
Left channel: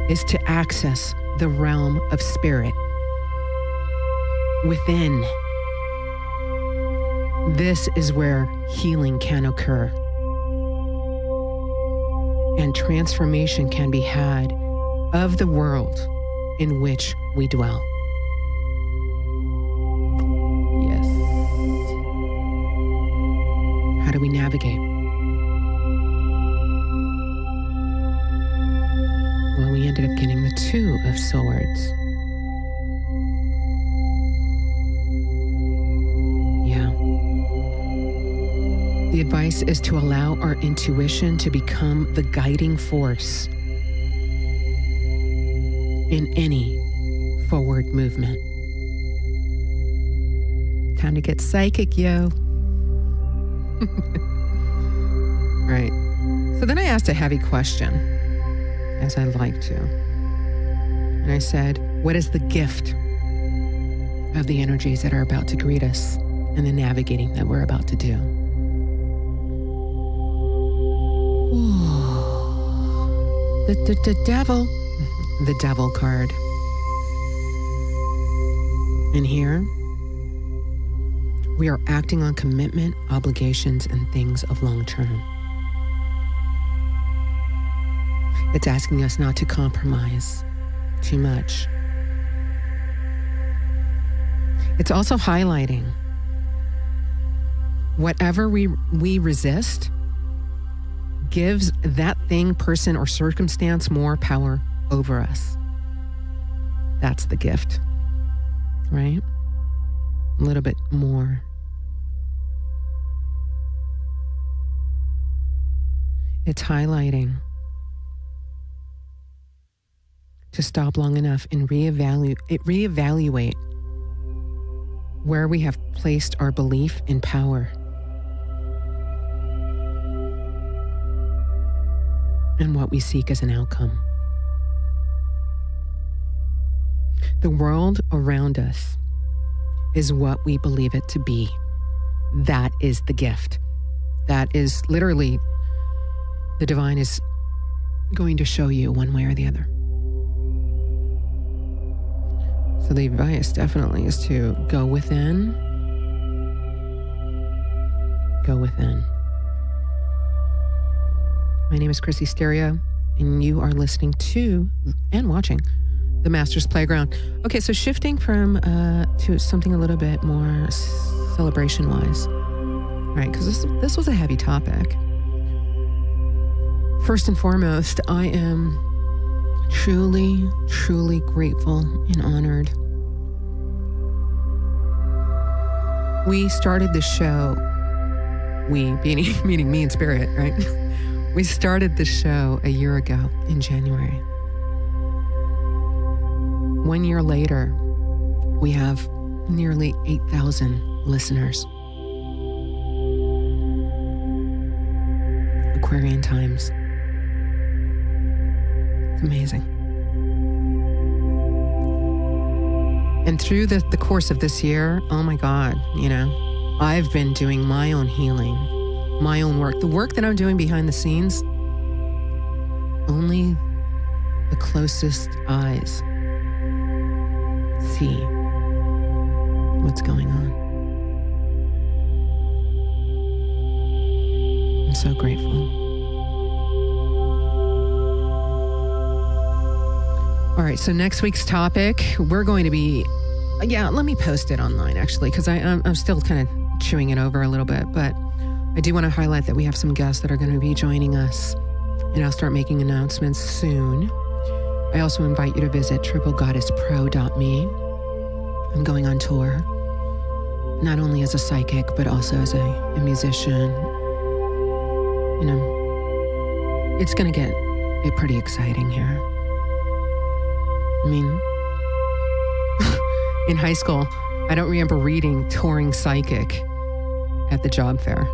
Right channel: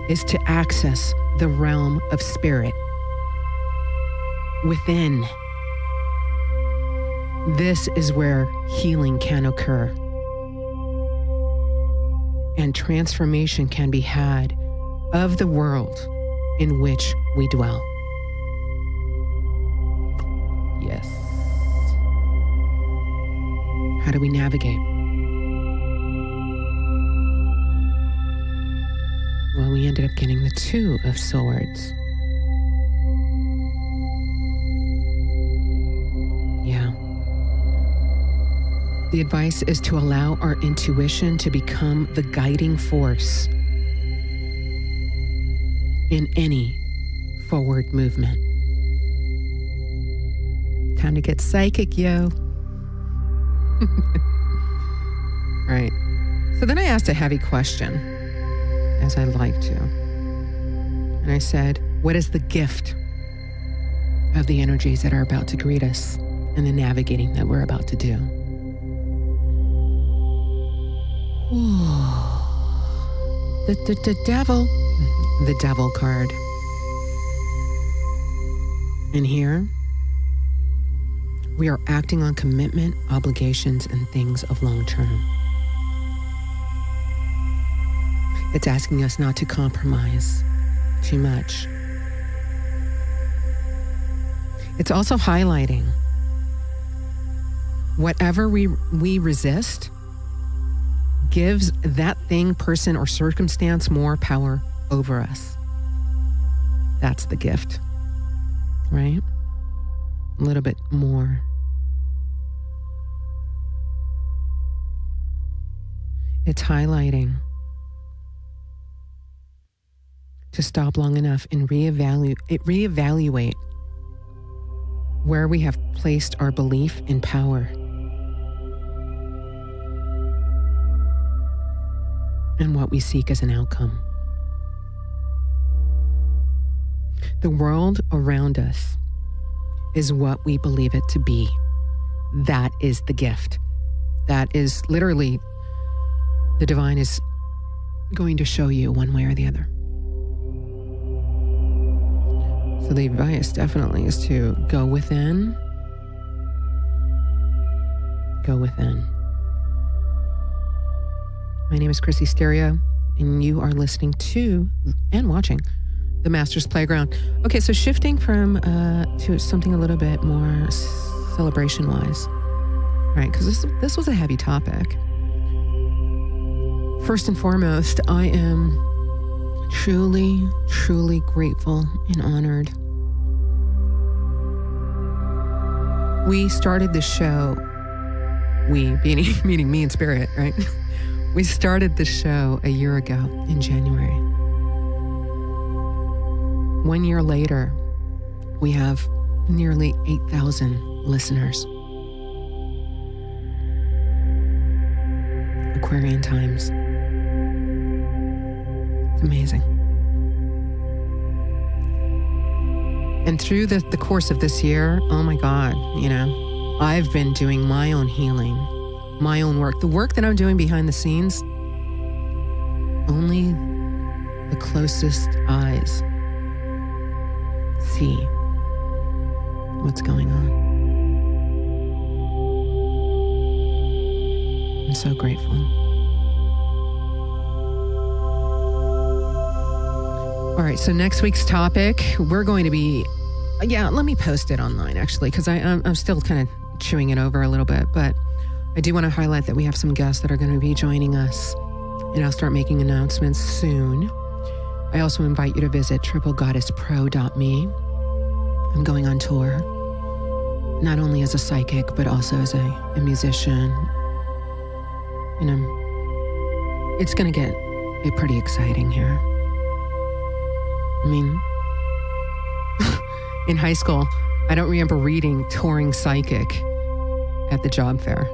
is to access the realm of spirit within. This is where healing can occur and transformation can be had of the world in which we dwell. Yes. How do we navigate? Well, we ended up getting the Two of Swords. Yeah. The advice is to allow our intuition to become the guiding force in any forward movement. Time to get psychic, yo. Right. So then I asked a heavy question, as I like to. And I said, what is the gift of the energies that are about to greet us and the navigating that we're about to do? The devil. The Devil card. And here, we are acting on commitment, obligations, and things of long term. It's asking us not to compromise too much. It's also highlighting whatever we resist gives that thing, person, or circumstance more power over us. That's the gift, right? A little bit more. It's highlighting to stop long enough and reevaluate where we have placed our belief in power and what we seek as an outcome. The world around us is what we believe it to be. That is the gift. That is literally, the divine is going to show you one way or the other. So the advice definitely is to go within. Go within. My name is Chrissy Stereo, and you are listening to and watching The Master's Playground. Okay, so shifting from to something a little bit more celebration-wise, right? Because this was a heavy topic. First and foremost, I am truly, truly grateful and honored. We started the show, meaning me and Spirit, right? We started the show a year ago in January. 1 year later, we have nearly 8,000 listeners. Aquarian times. It's amazing. And through the course of this year, oh my God, I've been doing my own healing, my own work. The work that I'm doing behind the scenes, only the closest eyes see what's going on. I'm so grateful. All right, so next week's topic, we're going to be, let me post it online actually, because I'm still kind of chewing it over a little bit, but I do want to highlight that we have some guests that are going to be joining us, and I'll start making announcements soon. I also invite you to visit triplegoddesspro.me. I'm going on tour, not only as a psychic, but also as a musician. It's going to get pretty exciting here. I mean, in high school, I don't remember reading Touring Psychic at the job fair.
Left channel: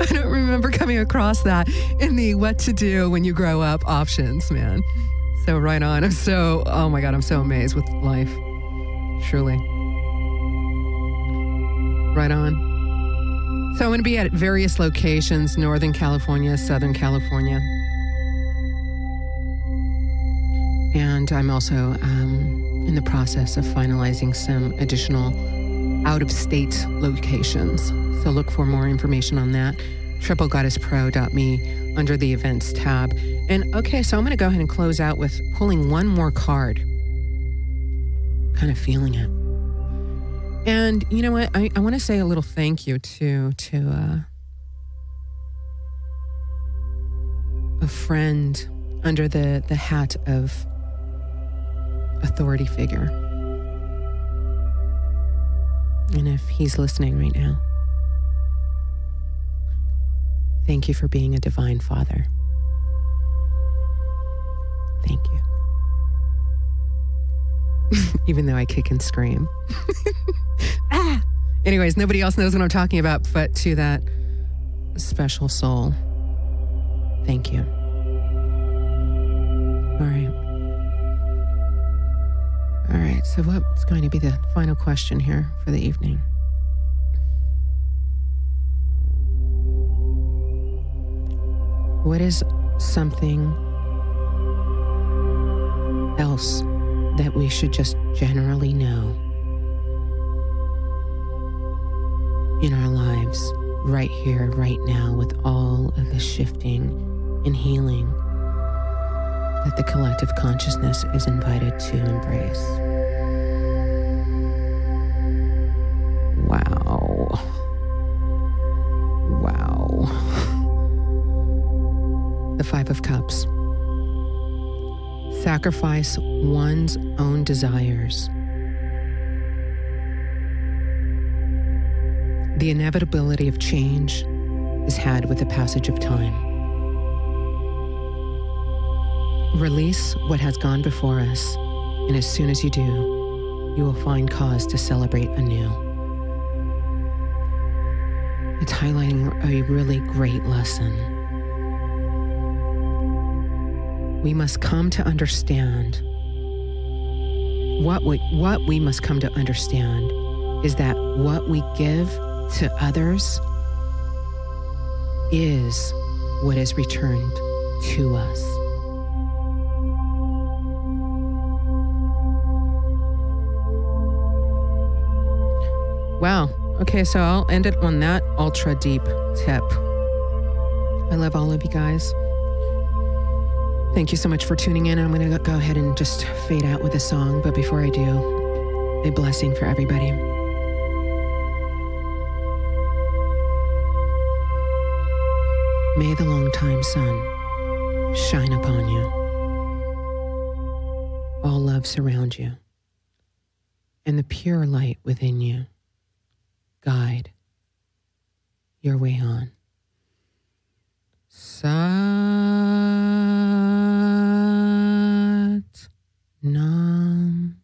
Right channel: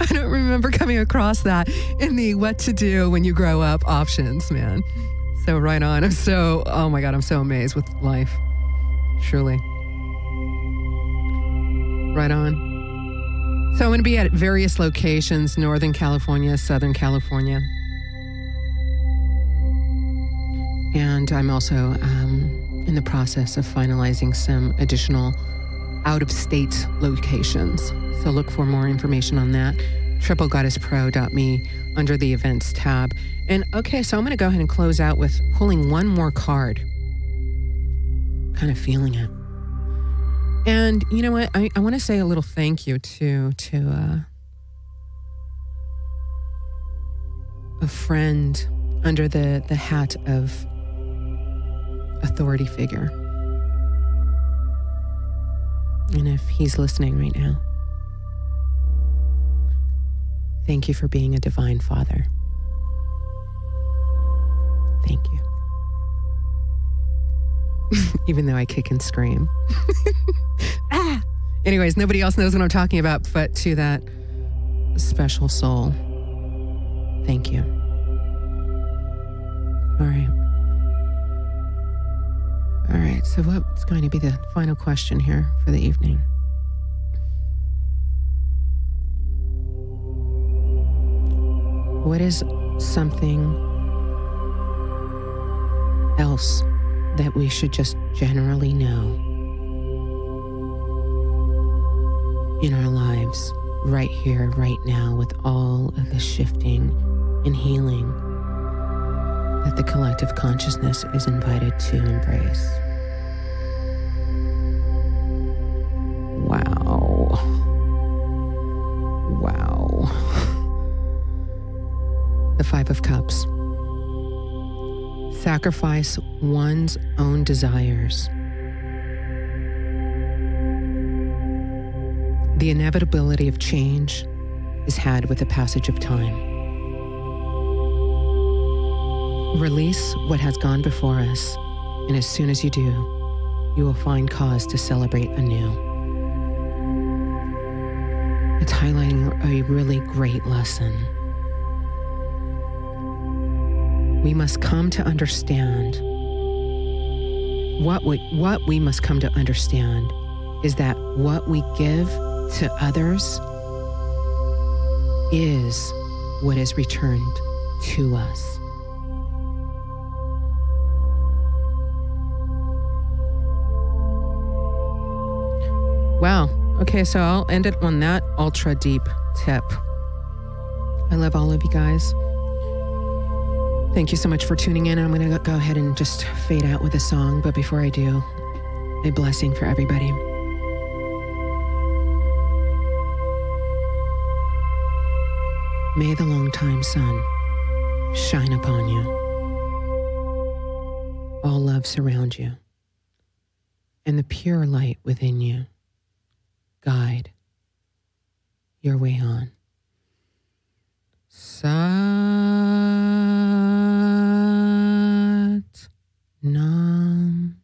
I don't remember coming across that in the what to do when you grow up options, man. So right on. I'm so amazed with life. Truly. Right on. So I'm going to be at various locations, Northern California, Southern California. And I'm also in the process of finalizing some additional out-of-state locations. So look for more information on that. triplegoddesspro.me under the events tab. And okay, so I'm going to go ahead and close out with pulling one more card. Kind of feeling it. And you know what? I want to say a little thank you to a friend under the hat of authority figure. And if he's listening right now, thank you for being a divine father. Thank you. Even though I kick and scream. Anyways, nobody else knows what I'm talking about, but to that special soul, thank you. All right. All right, so what's going to be the final question here for the evening? What is something else that we should just generally know in our lives right here, right now, with all of the shifting and healing that the collective consciousness is invited to embrace? Wow. The Five of Cups. Sacrifice one's own desires. The inevitability of change is had with the passage of time. Release what has gone before us, and as soon as you do, you will find cause to celebrate anew. It's highlighting a really great lesson. We must come to understand what we must come to understand is that what we give to others is what is returned to us. Wow. Okay, so I'll end it on that ultra deep tip. I love all of you guys. Thank you so much for tuning in. I'm going to go ahead and just fade out with a song. But before I do, a blessing for everybody. May the long-time sun shine upon you. All love surround you. And the pure light within you guide your way on. Sat Nam.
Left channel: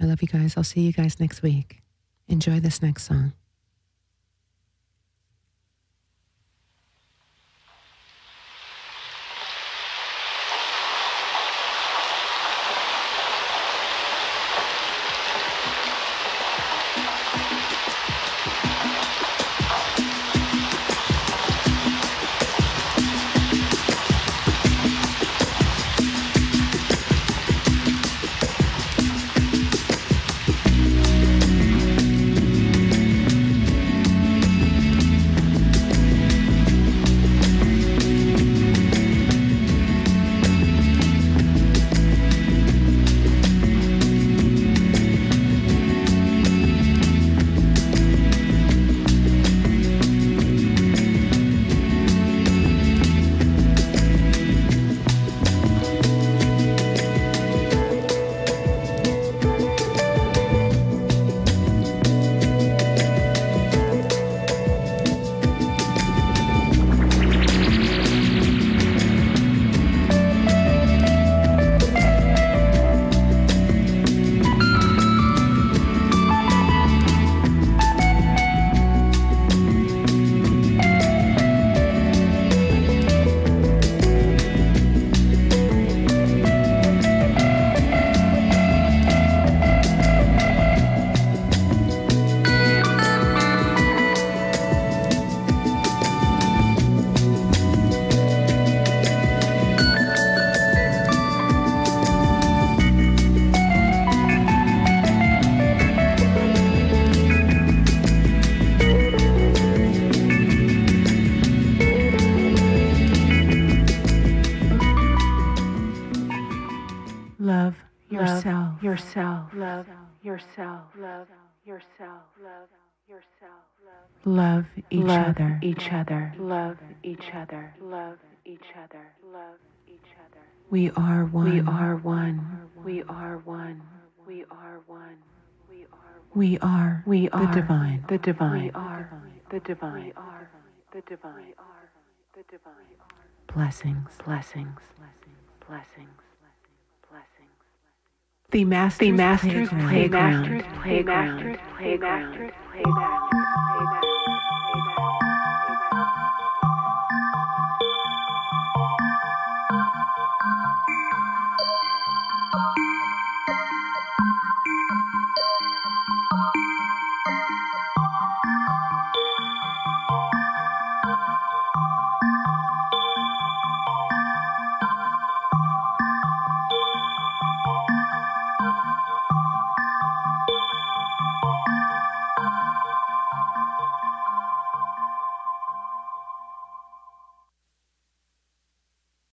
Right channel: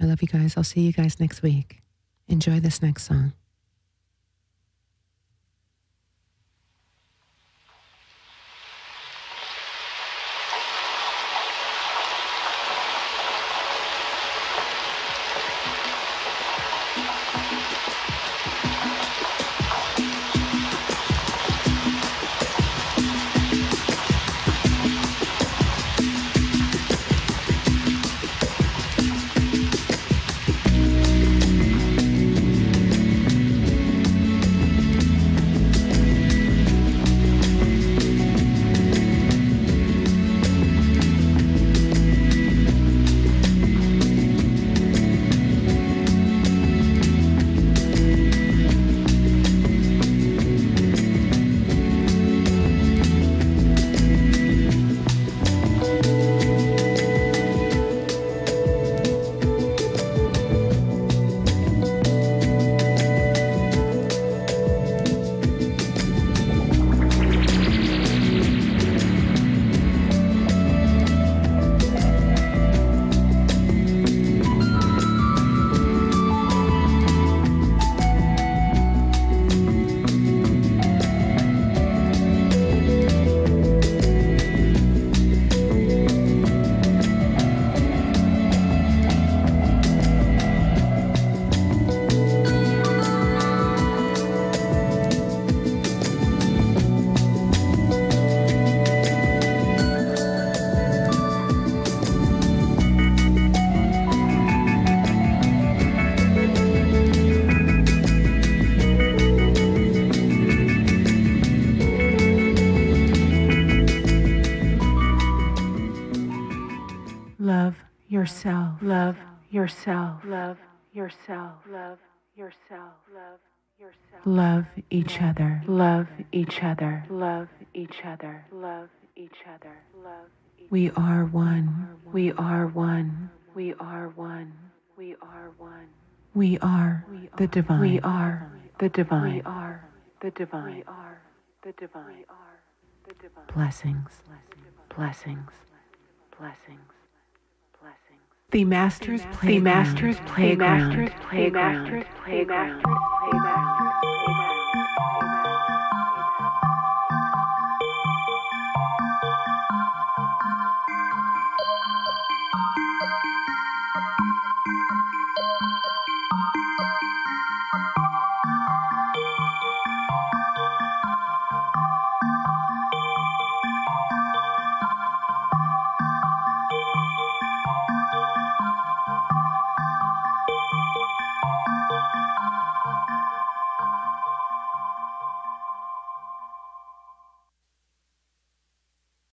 I love you guys. I'll see you guys next week. Enjoy this next song. Love each other. We are one. We are the divine. Blessings. The Master's Playground.